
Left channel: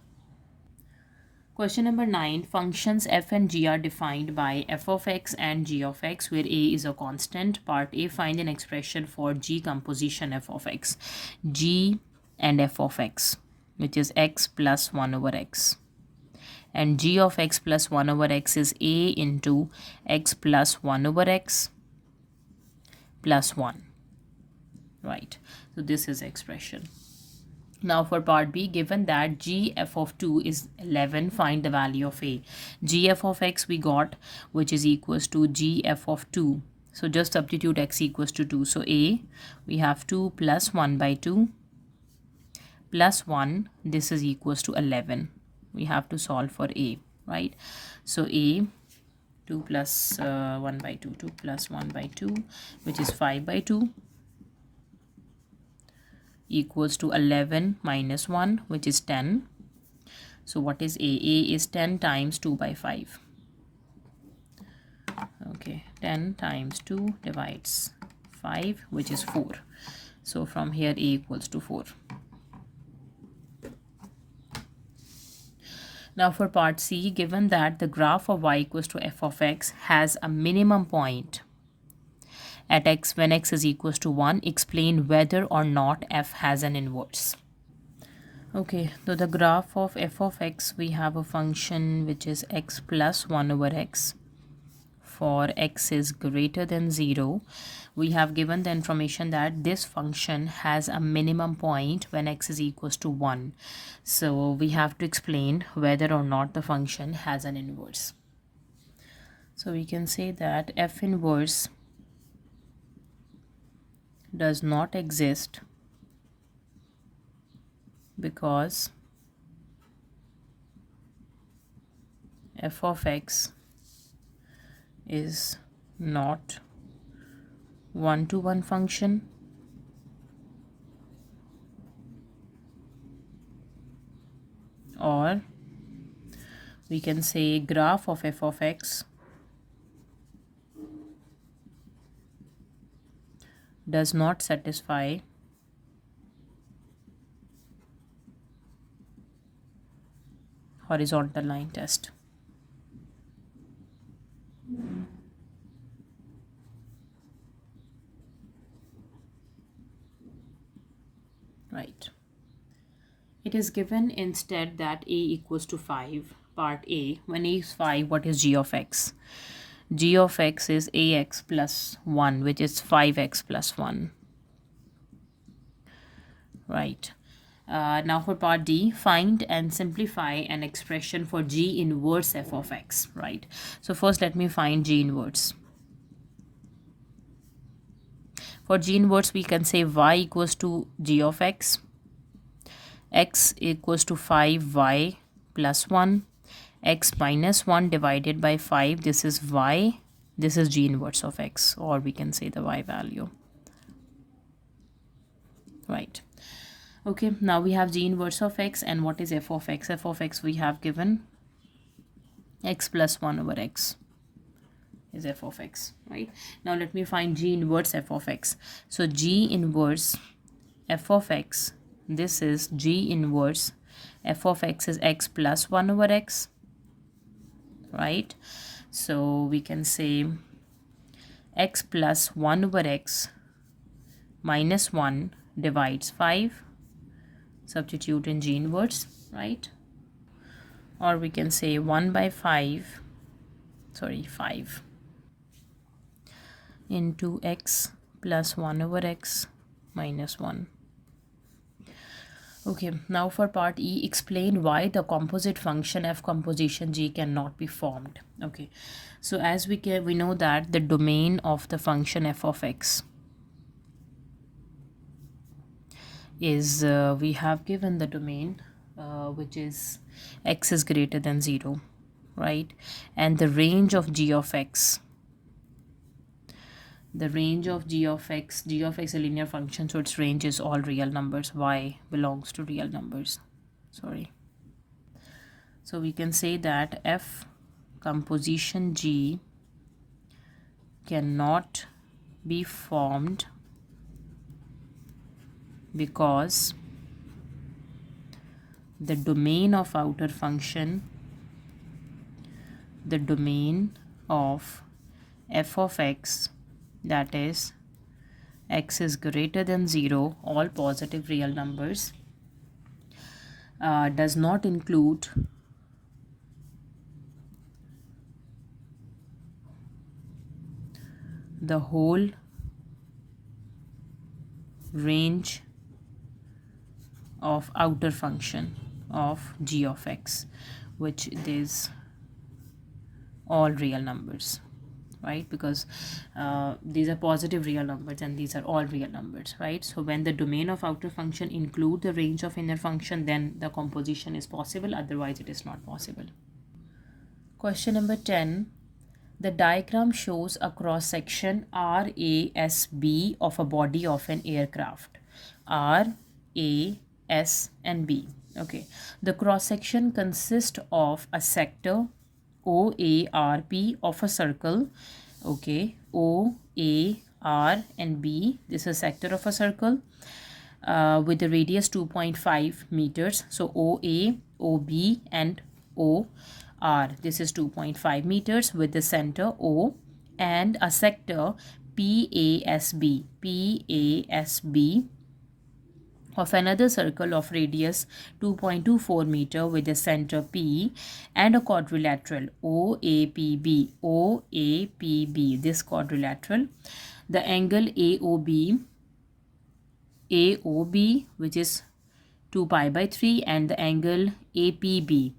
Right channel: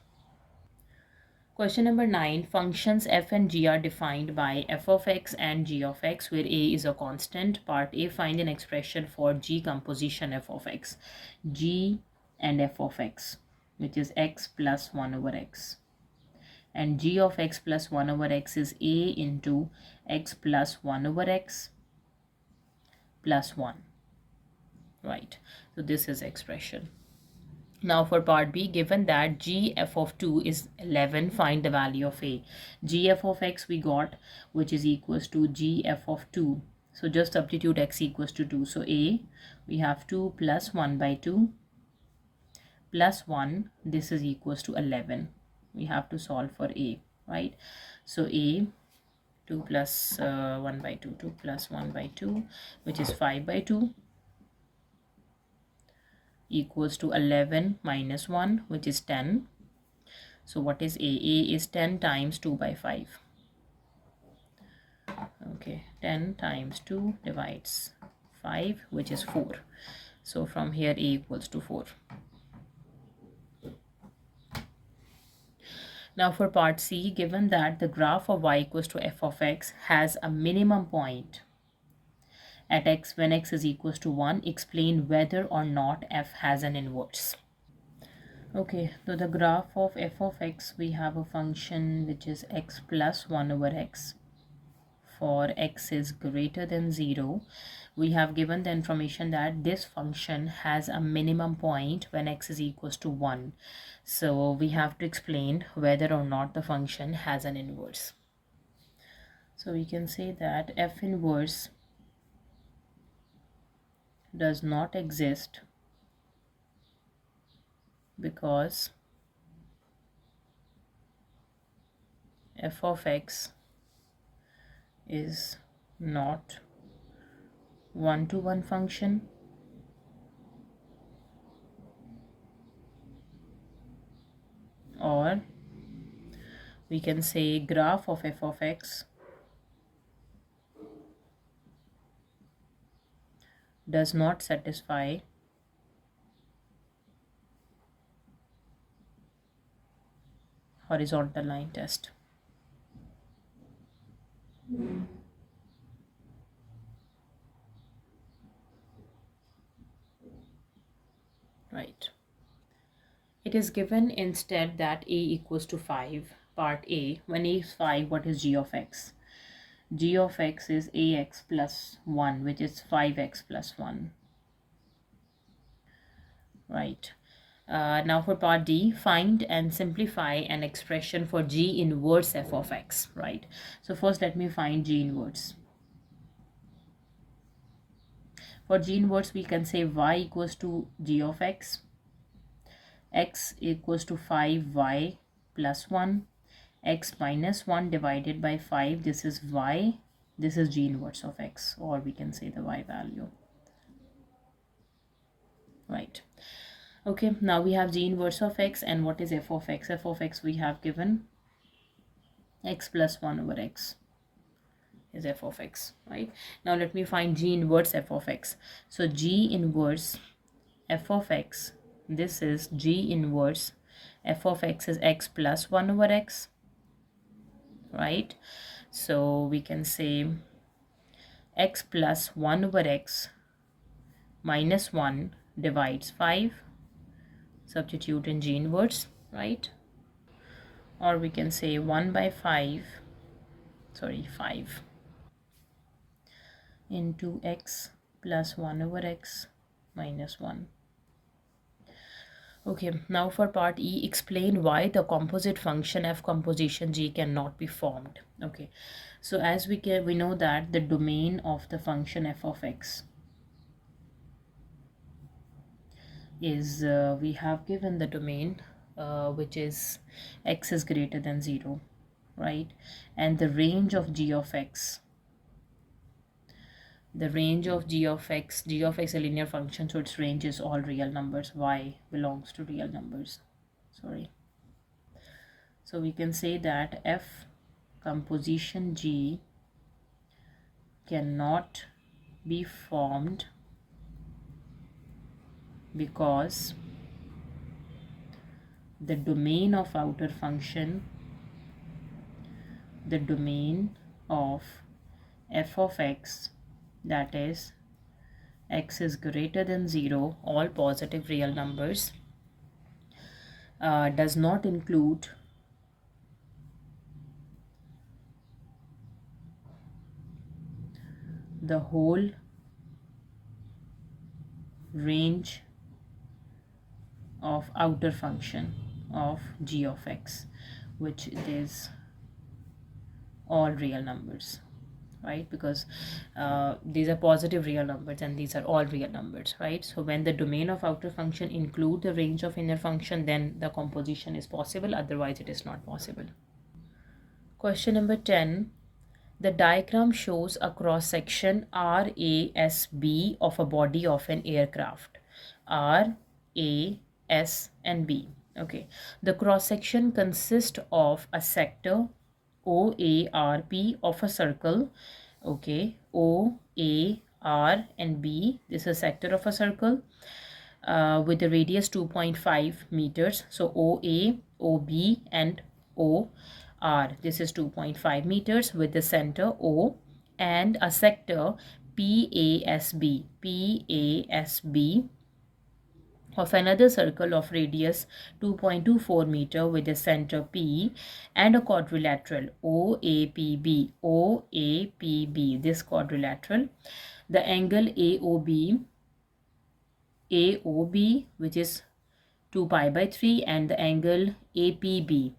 Question number 9. Functions f and g are defined by f of x and g of x, where a is a constant. Part A, find an expression for g composition f of x. G and f of x, which is x plus 1 over x. And g of x plus 1 over x is a into x plus 1 over x plus 1. Right. So this is expression. Now for part B, given that g f of 2 is 11, find the value of a. G f of x we got, which is equals to g f of 2. So just substitute x equals to 2. So a, we have 2 plus 1 by 2 plus 1. This is equals to 11. We have to solve for a, right? So a, 2 plus 1 by 2, 2 plus 1 by 2, which is 5 by 2, equals to 11 minus 1, which is 10. So what is a? A is 10 times 2 by 5. Okay, 10 times 2 divides 5, which is 4. So from here a equals to 4. Now for part C, given that the graph of y equals to f of x has a minimum point at x when x is equals to 1, explain whether or not f has an inverse. Okay, so the graph of f of x, we have a function which is x plus 1 over x. For x is greater than 0, we have given the information that this function has a minimum point when x is equals to 1. So we have to explain whether or not the function has an inverse. So we can say that f inverse does not exist because f of x is not one-to-one function, or we can say graph of f of x does not satisfy horizontal line test. Right. It is given instead that a equals to 5. Part A, when a is 5, what is g of x? G of x is ax plus 1, which is 5x plus 1. Right. Now for part D, find and simplify an expression for g inverse f of x. Right. So first let me find g inverse. For g inverse, we can say y equals to g of x equals to 5y plus 1, x minus 1 divided by 5. This is y. This is g inverse of x, or we can say the y value. Right. Okay, now we have g inverse of x, and what is f of x? F of x we have given x plus 1 over x is f of x, right? Now let me find g inverse f of x. So g inverse f of x, this is g inverse f of x is x plus 1 over x, right? So we can say x plus 1 over x minus 1 divides 5. Substitute in g inverse, right? Or we can say 1 by 5 into x plus 1 over x minus 1. Okay, now for part E, explain why the composite function f composition g cannot be formed. Okay, so as we know that the domain of the function f of x is we have given the domain which is x is greater than 0, right? And the range of g of x, g of x is a linear function, so its range is all real numbers. Y belongs to real numbers, sorry. So we can say that f composition g cannot be formed because the domain of outer function, the domain of f of x, that is x is greater than 0, all positive real numbers, does not include the whole range of outer function of g of x, which is all real numbers, right? Because these are positive real numbers and these are all real numbers, right? So when the domain of outer function include the range of inner function, then the composition is possible, otherwise it is not possible. Question number 10. The diagram shows a cross section RASB of a body of an aircraft. R, A, S and B. Okay. The cross section consists of a sector OARP of a circle. Okay. O, A, R and B. This is a sector of a circle with the radius 2.5 meters. So OA, OB and O. R, this is 2.5 meters with the center O, and a sector PASB of another circle of radius 2.24 meter with the center P, and a quadrilateral OAPB, this quadrilateral. The angle AOB, which is 2 pi by 3, and the angle APB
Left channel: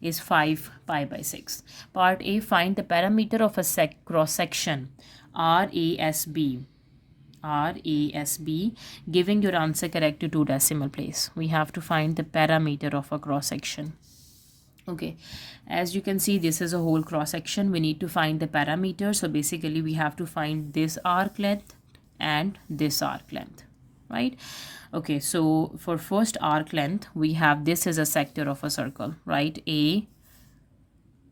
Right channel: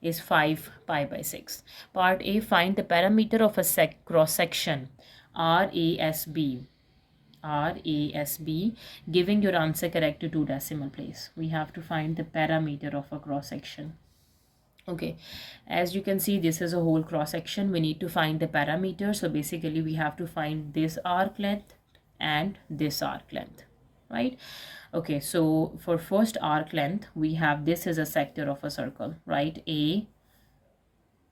is 5 pi by 6. Part A, find the parameter of a cross section RASB, giving your answer correct to 2 decimal place. We have to find the parameter of a cross section. Okay, as you can see, this is a whole cross section. We need to find the parameter. So basically we have to find this arc length and this arc length, right? Okay, so for first arc length, we have this is a sector of a circle, right? A,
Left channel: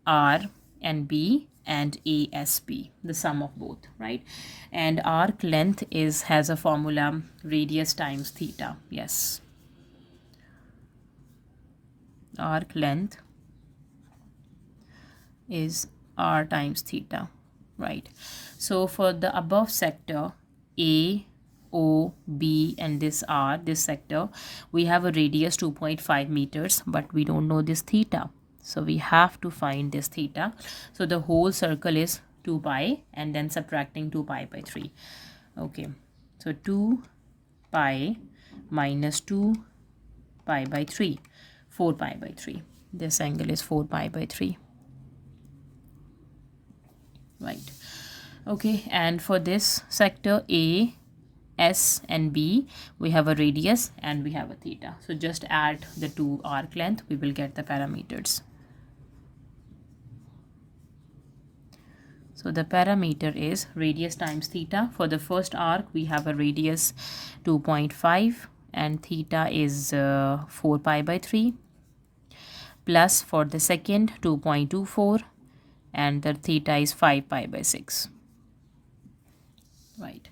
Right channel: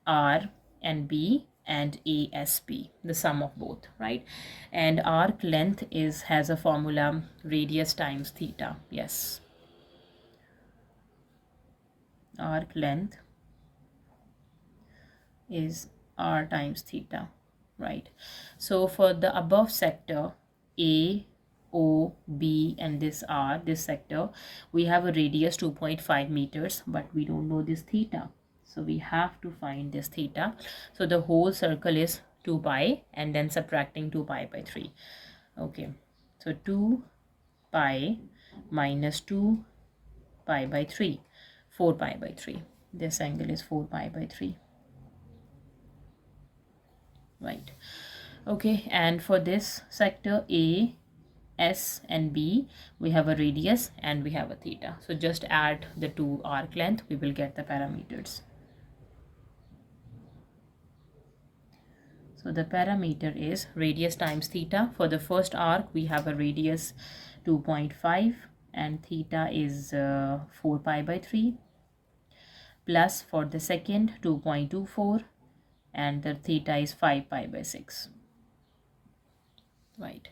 R and B and ASB, the sum of both, right? And arc length has a formula, radius times theta. Yes, arc length is R times theta, right? So for the above sector A, O, B and this R, this sector, we have a radius 2.5 meters, but we don't know this theta. So we have to find this theta. So the whole circle is 2 pi and then subtracting 2 pi by 3. Okay, so 2 pi minus 2 pi by 3, 4 pi by 3. This angle is 4 pi by 3. Right. Okay, and for this sector A, S and B, we have a radius and we have a theta. So just add the two arc length, we will get the parameters. So the parameter is radius times theta. For the first arc, we have a radius 2.5 and theta is 4 pi by 3. Plus for the second 2.24 and the theta is 5 pi by 6. Right.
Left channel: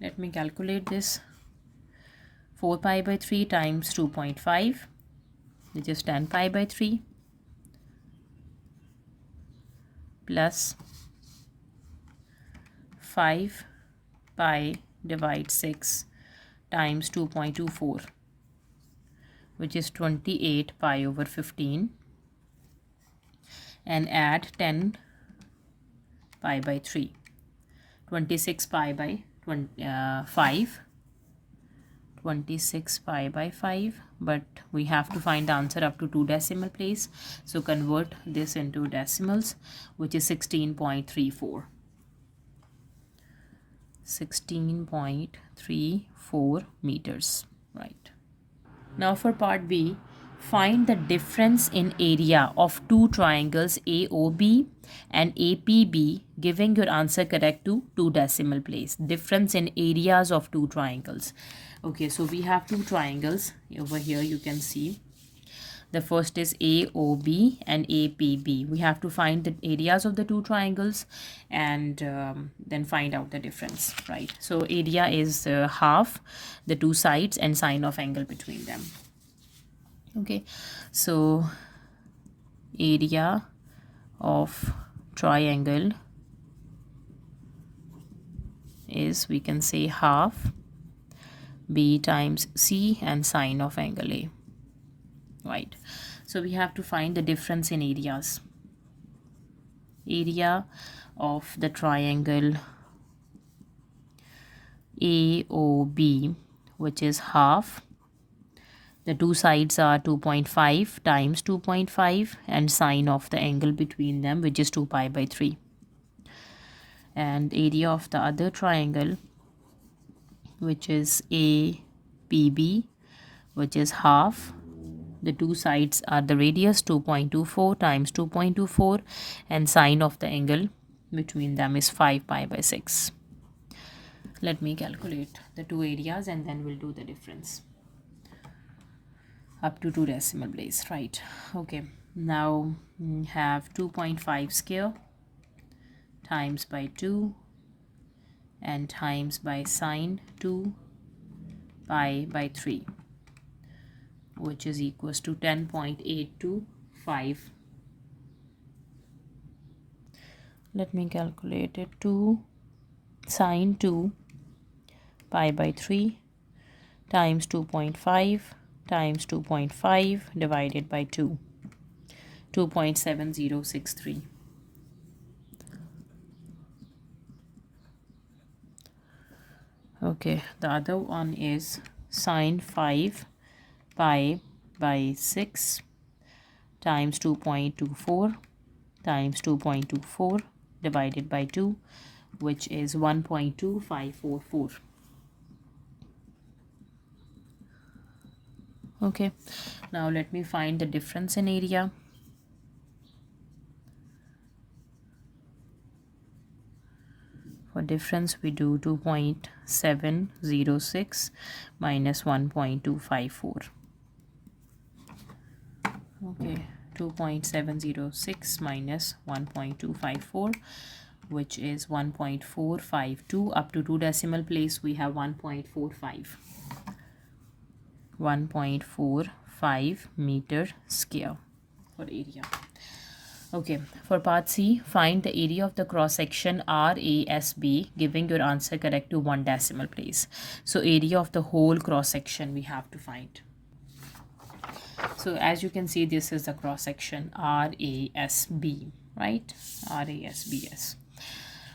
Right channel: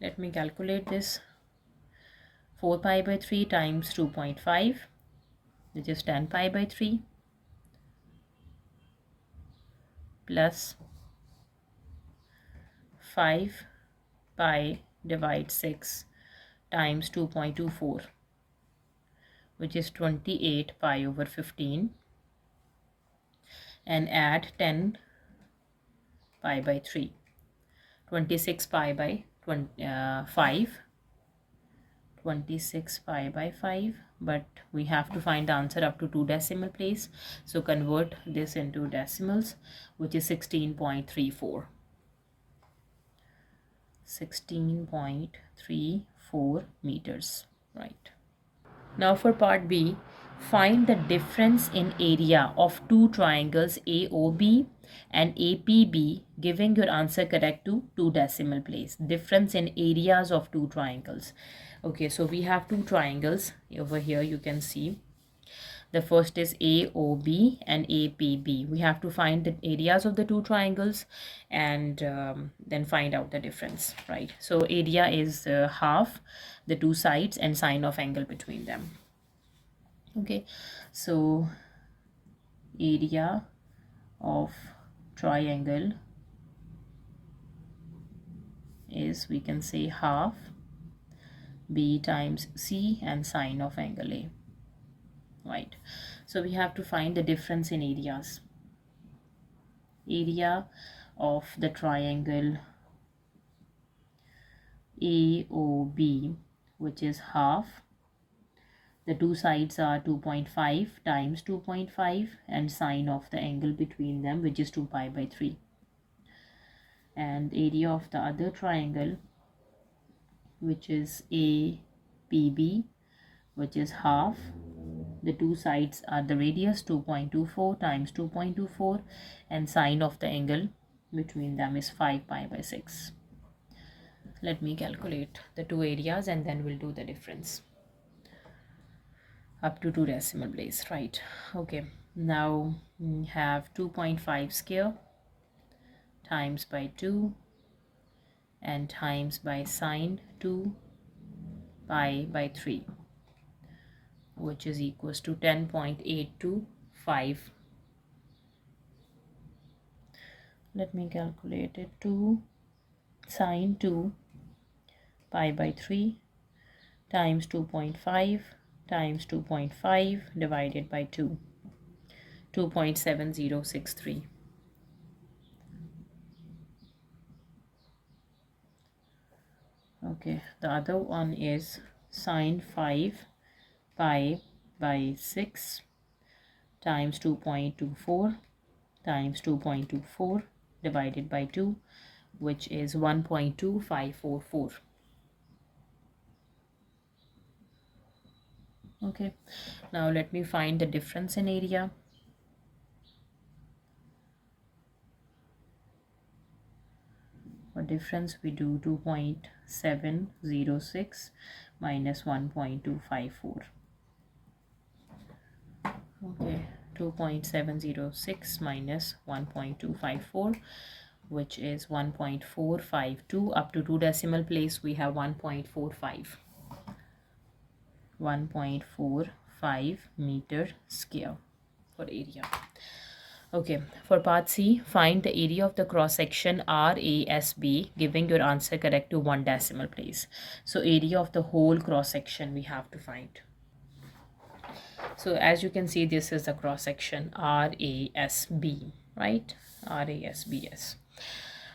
Let me calculate this. 4 pi by 3 times 2.5, which is 10 pi by 3, plus 5 pi divide 6 times 2.24, which is 28 pi over 15, and add 10 pi by 3, 26 pi by 5, 26 pi by 5, but we have to find the answer up to 2 decimal place. So convert this into decimals, which is 16.34. 16.34 meters, right? Now for part B, find the difference in area of two triangles AOB and APB, giving your answer correct to 2 decimal place. Difference in areas of two triangles. Okay, so we have two triangles over here. You can see The first is AOB and APB. We have to find the areas of the two triangles and then find out the difference, right? So area is half the two sides and sine of angle between them. Okay, so area of triangle is, we can say, half B times C and sine of angle A, right? So we have to find the difference in areas. Area of the triangle AOB, which is half. The two sides are 2.5 times 2.5 and sine of the angle between them, which is 2 pi by 3. And area of the other triangle, which is APB, which is half. The two sides are the radius 2.24 times 2.24 and sine of the angle between them is 5 pi by 6. Let me calculate the two areas and then we'll do the difference up to 2 decimal place, right? Okay, now we have 2.5 square times by 2 and times by sine 2 pi by 3, which is equals to 10.825. Let me calculate it. 2 sine 2 pi by 3 times 2.5 times 2.5 divided by 2, 2.7063. Okay, the other one is sine 5 pi by 6 times 2.24 times 2.24 divided by 2, which is 1.2544. Okay, now let me find the difference in area. For difference, we do 2.706 minus 1.254. Okay, 2.706 minus 1.254, which is 1.452. Up to 2 decimal place, we have 1.45. 1.45 meter square for area. Okay, for part C, find the area of the cross section RASB, giving your answer correct to 1 decimal place. So area of the whole cross section we have to find. So as you can see, this is the cross section RASB, right? RASBS.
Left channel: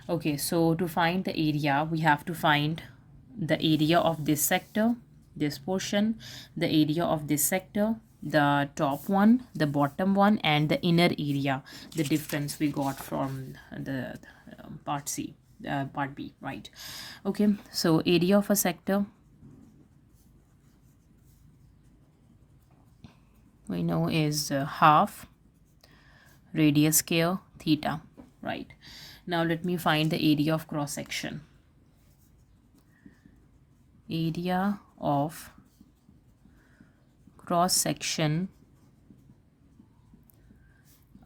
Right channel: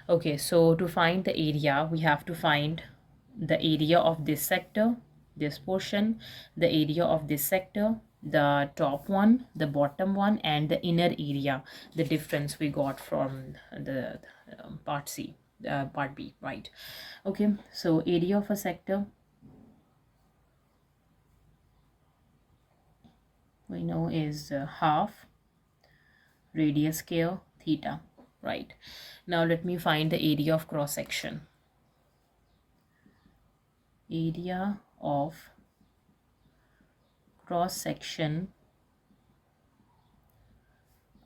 Okay, so to find the area, we have to find the area of this sector, this portion, the area of this sector, the top one, the bottom one, and the inner area, the difference we got from the part C, part B, right? Okay, so area of a sector, we know is half radius square theta, right? Now let me find the area of cross section. Area of cross section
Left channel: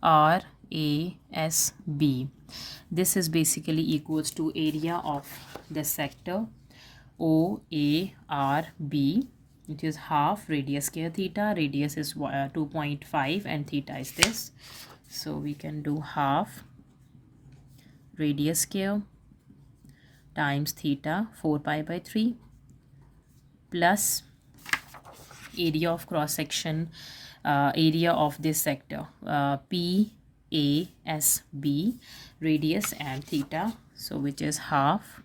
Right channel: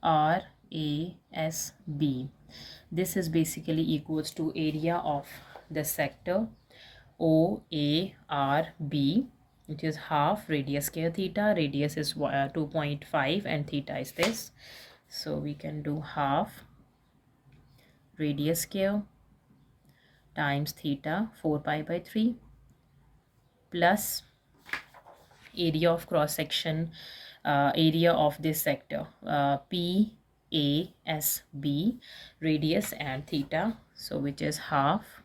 RASB. This is basically equals to area of the sector OARB, which is half radius square theta. Radius is 2.5 and theta is this. So we can do half radius square times theta 4 pi by 3 plus area of cross section, area of this sector, PASB, radius and theta, so which is half.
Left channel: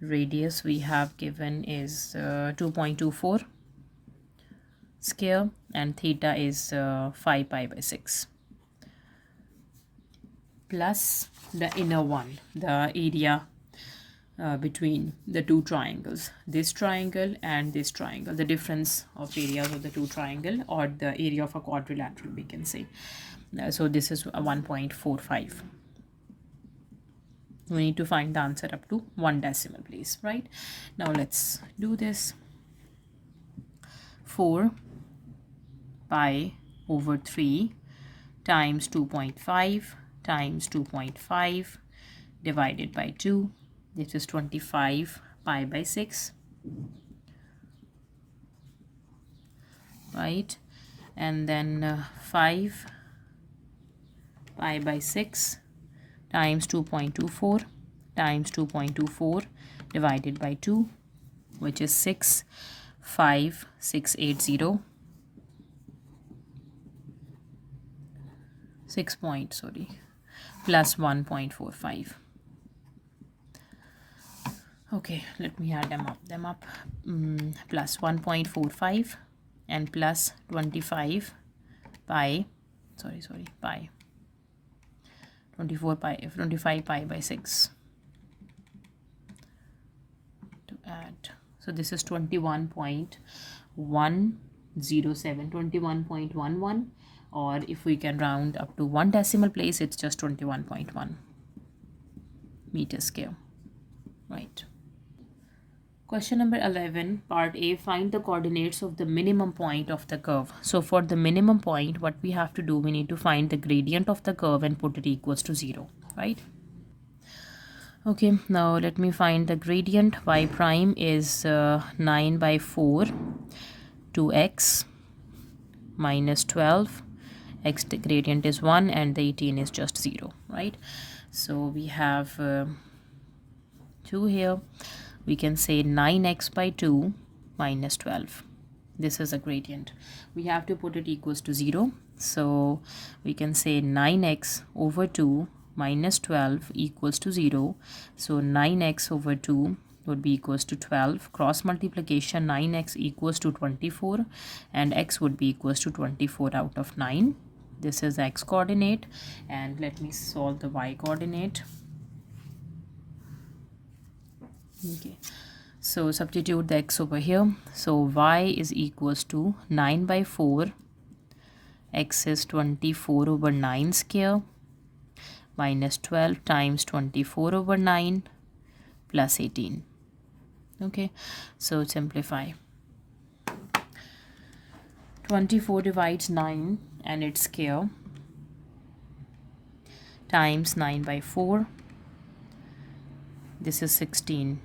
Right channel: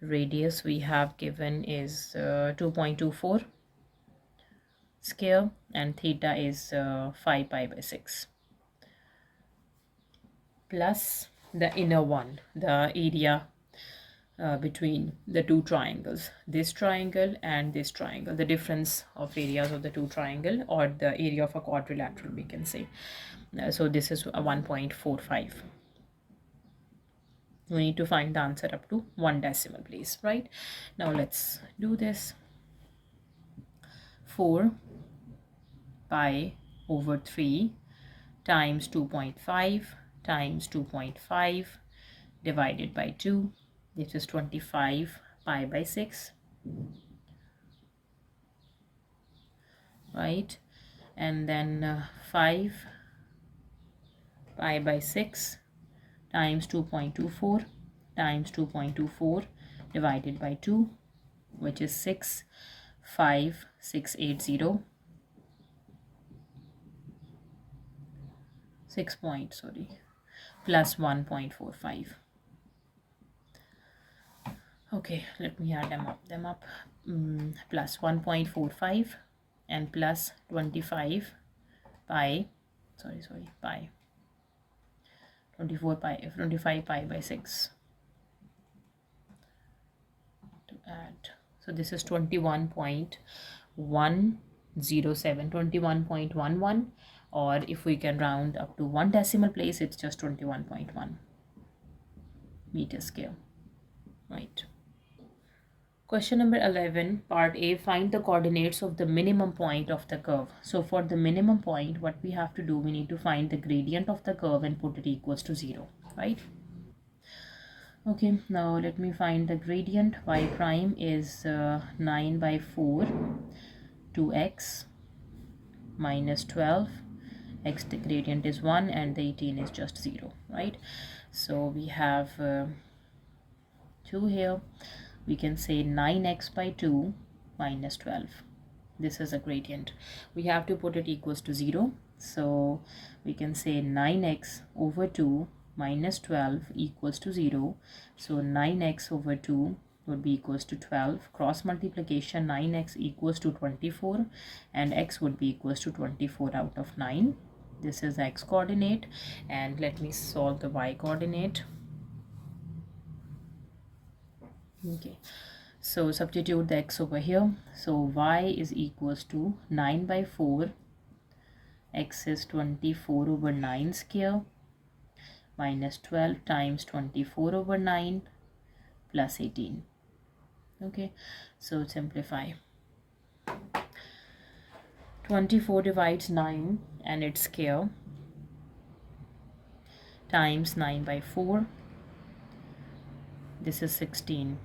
Radius we have given is 2.24 square and theta is 5 pi by 6 plus the inner one, the area between the two triangles, this triangle and this triangle, the difference of areas of the two triangle, or the area of a quadrilateral, we can say. So this is a 1.45. We need to find the answer up to 1 decimal place, right? Now let's do this. 4 pi over 3 times 2.5 times 2.5 divided by 2. This is 25 pi by 6, right? And then 5 pi by 6 times 2.24 times 2.24 divided by 2, which is 65680 plus 1.45. Okay, let me add them up. Plus 1.45 and plus 25 pi, pi, 25 pi by 6 to add. So this is 21.107, 21.11, or if we can round up to 1 decimal place, it's just 21.1 meter square, right? Question number 11, part A, find the coordinates of the minimum point of the curve. So for the minimum point, what we have to do, we need to find the gradient of the curve and put it equals to 0, right? Okay, now let me find the gradient. Y prime is 9 by 4 to x minus 12. X the gradient is 1 and the 18 is just 0, right? So we have 2 here. We can say 9x by 2 minus 12. This is a gradient. We have to put it equals to 0. So we can say 9x over 2 minus 12 equals to 0. So 9x over 2 would be equals to 12. Cross multiplication, 9x equals to 24 and x would be equals to 24 out of 9. This is the x coordinate, and let me solve the y coordinate. Okay, so substitute the x over here. So y is equals to 9 by 4, x is 24 over 9 square minus 12 times 24 over 9 plus 18. Okay, so simplify. 24 divides 9 and its square times 9 by 4. This is 16.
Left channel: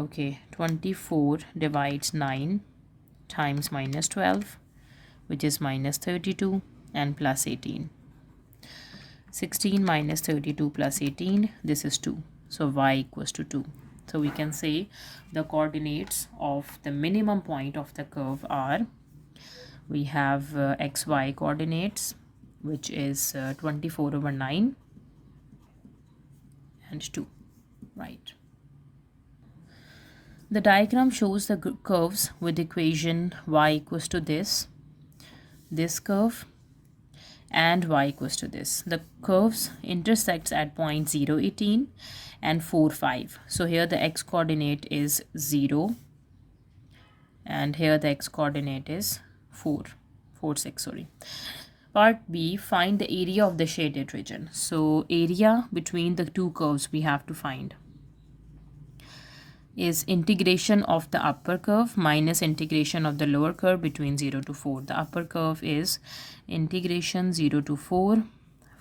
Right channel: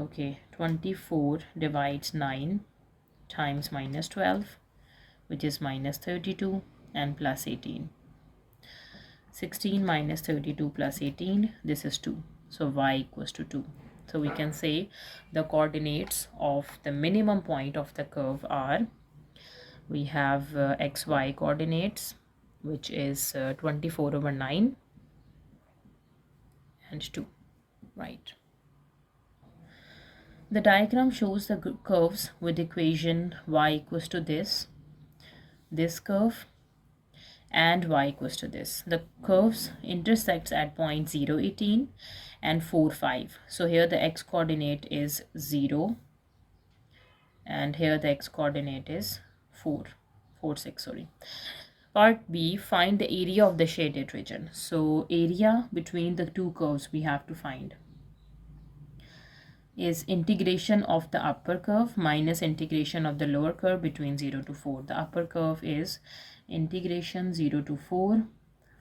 Okay, 24 divides 9 times minus 12, which is minus 32, and plus 18. 16 minus 32 plus 18, this is 2. So y equals to 2. So we can say the coordinates of the minimum point of the curve are, we have xy coordinates, which is 24 over 9 and 2, right? The diagram shows the curves with equation y equals to this curve, and y equals to this. The curves intersects at point 0, 18 and 4, 5. So here the x coordinate is 0 and here the x coordinate is 4, 6, sorry. Part B, find the area of the shaded region. So area between the two curves we have to find is integration of the upper curve minus integration of the lower curve between 0 to 4. The upper curve is integration 0 to 4.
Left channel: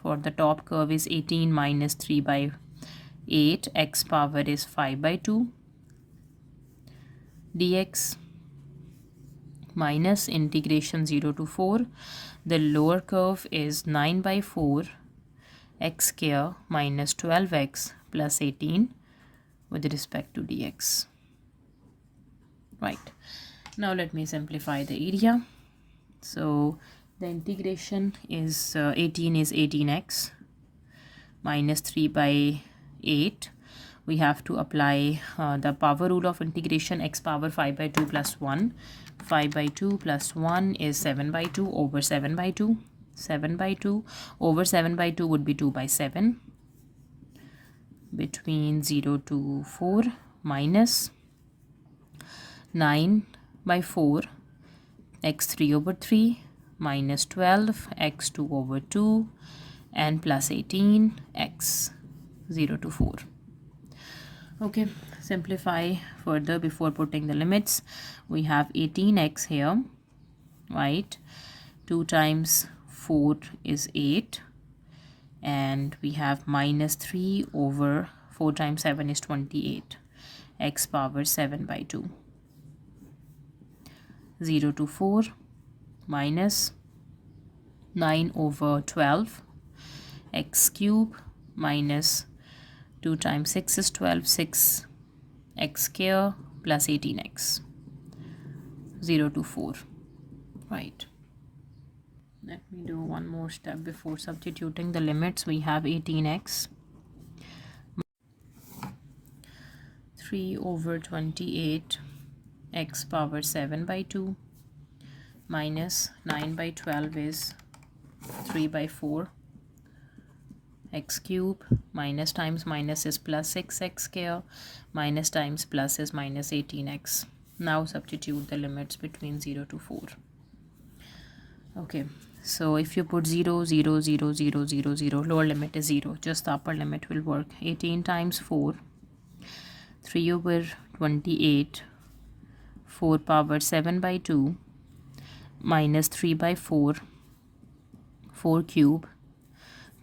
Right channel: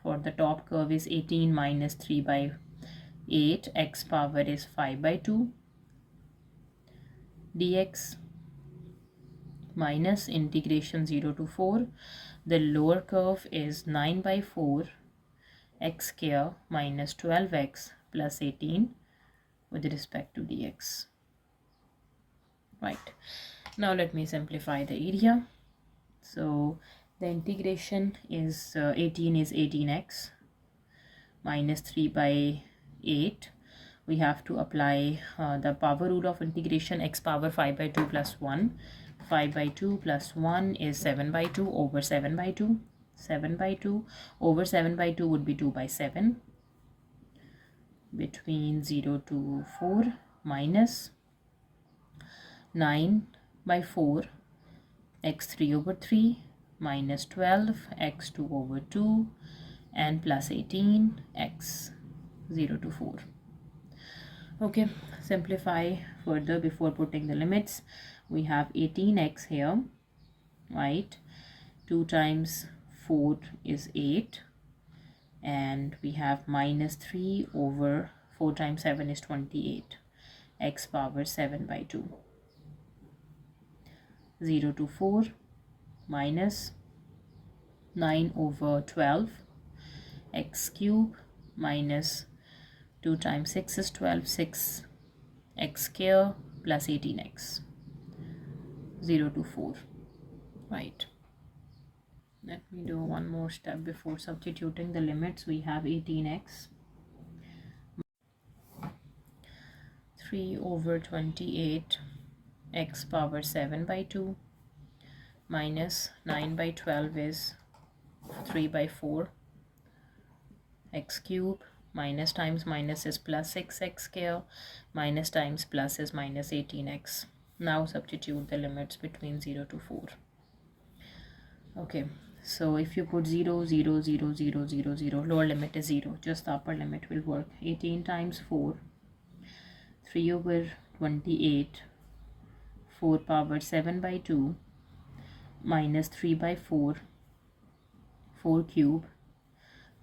For the top curve is 18 minus 3 by 8. X power is 5 by 2 dx minus integration 0 to 4. The lower curve is 9 by 4 x square minus 12x plus 18 with respect to dx. Right, now let me simplify the area. So the integration is 18 is 18x minus 3 by 8. We have to apply the power rule of integration. X power 5 by 2 plus 1. 5 by 2 plus 1 is 7 by 2 over 7 by 2. 7 by 2 over 7 by 2 would be 2 by 7. Between 0 to 4 minus 9 by 4 x3 over 3 minus 12 x2 over 2 and plus 18 x 0 to 4. Okay, simplify further before putting the limits. We have 18x here right? 2 times 4 is 8, and we have minus 3 over 4 times 7 is 28, x power 7 by 2. 0 to 4 minus 9 over 12, x cube minus 2 times 6 is 12, 6 x square plus 18x. 0 to 4, right? Let me do one more step before substituting the limits. We have 18x 3 over 28, x power 7 by 2 minus 9 by 12 is 3 by 4, x cube minus times minus is plus 6x square, minus times plus is minus 18x. Now substitute the limits between 0 to 4. Okay, so if you put 0, 0, 0, 0, 0, 0, lower limit is 0, just the upper limit will work. 18 times 4, 3 over 28, 4 power 7 by 2 minus 3 by 4, 4 cube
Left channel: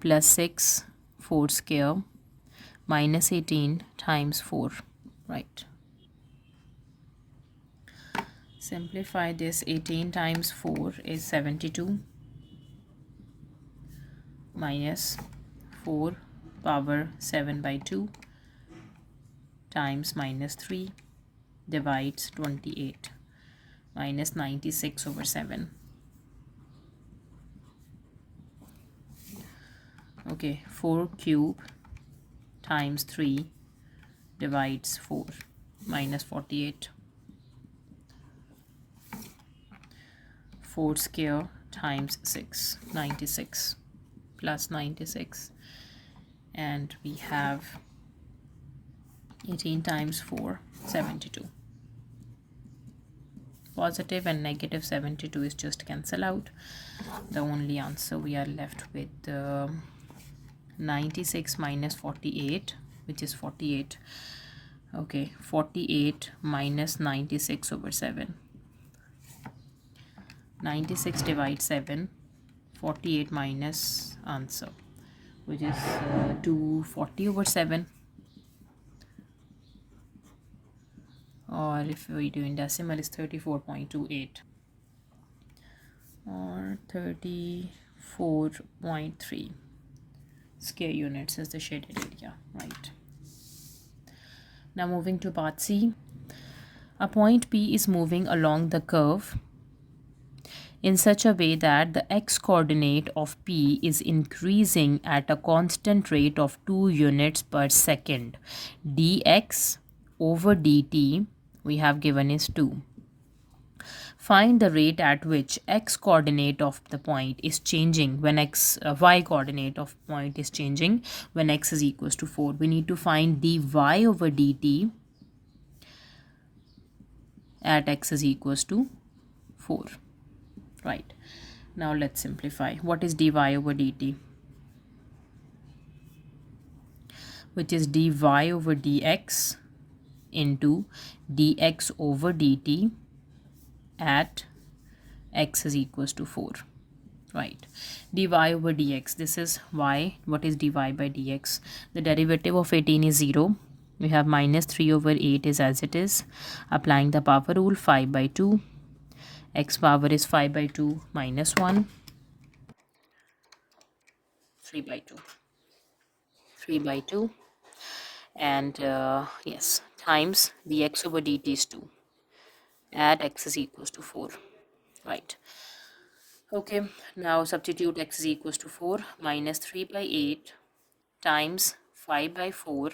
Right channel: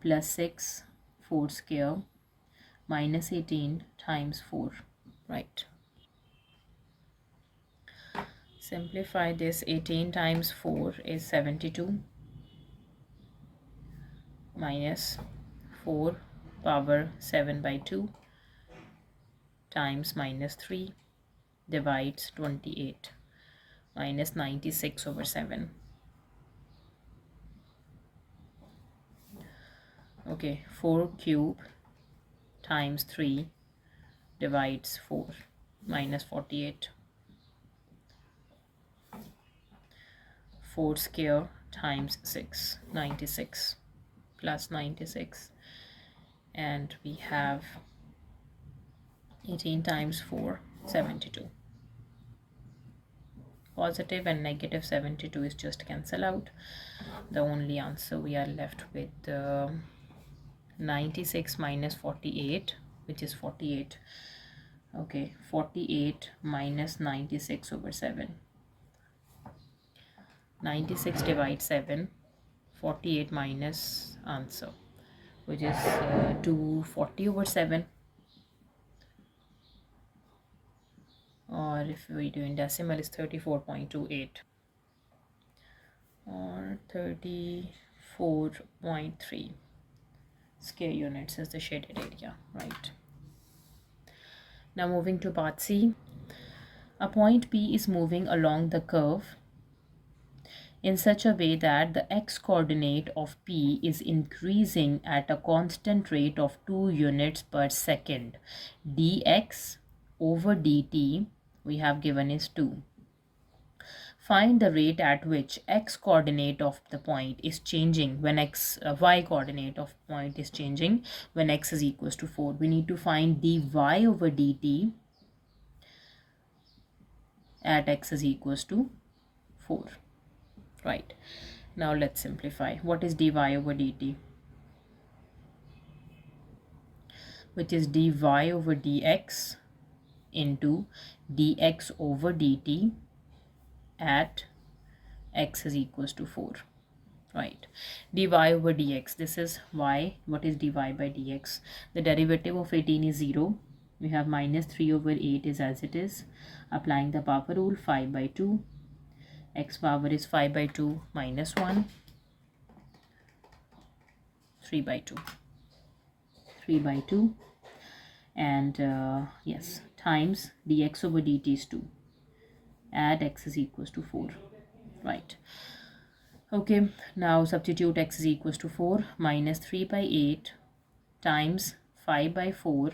plus 6, 4 square minus 18 times 4, right? Simplify this. 18 times 4 is 72 minus 4 power 7 by 2 times minus 3 divides 28 minus 96 over 7. Okay, 4 cube times 3 divides 4 minus 48. 4 square times 6, 96 plus 96, and we have 18 times 4, 72. Positive and negative 72 is just cancel out. The only answer we are left with 96 minus 48, which is 48. Okay, 48 minus 96 over 7. 96 divides 7, 48 minus answer, which is 240 over 7. Or if we do in decimal, is 34.28 or 34.3 square units is the shaded area, right? Now moving to part C. A point P is moving along the curve in such a way that the x-coordinate of P is increasing at a constant rate of 2 units per second. dx over dt we have given is 2. Find the rate at which x-coordinate of the point is changing when y-coordinate of point is changing when x is equals to 4. We need to find dy over dt at x is equals to 4. Right, now let's simplify. What is dy over dt? Which is dy over dx into dx over dt at x is equals to 4. Right, dy over dx, this is y. What is dy by dx? The derivative of 18 is 0. We have minus 3 over 8 is as it is. Applying the power rule, 5 by 2. X power is 5 by 2 minus 1, 3 by 2, 3 by 2, and yes, times dx over dt is 2 at x is equals to 4, right? Okay, now substitute x is equals to 4, minus 3 by 8 times 5 by 4,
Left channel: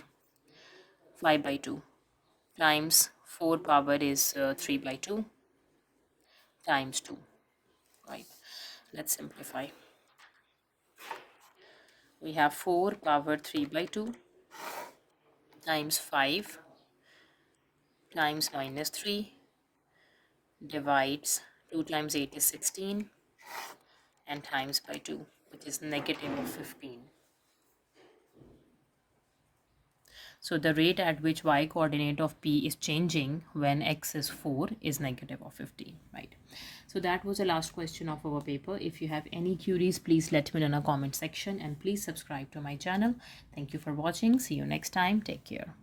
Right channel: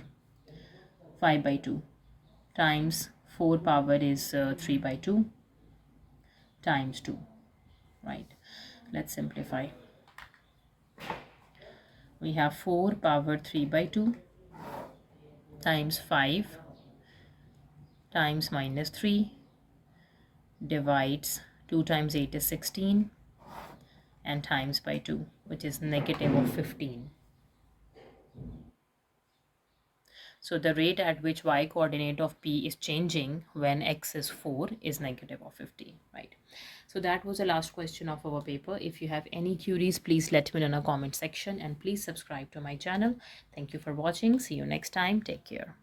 5 by 2 times 4 power is 3 by 2 times 2, right? Let's simplify. We have 4 power 3 by 2 times 5 times minus 3 divides 2 times 8 is 16 and times by 2, which is negative of 15. So the rate at which y coordinate of P is changing when x is 4 is negative of 15, right? So that was the last question of our paper. If you have any queries, please let me know in the comment section, and please subscribe to my channel. Thank you for watching. See you next time. Take care.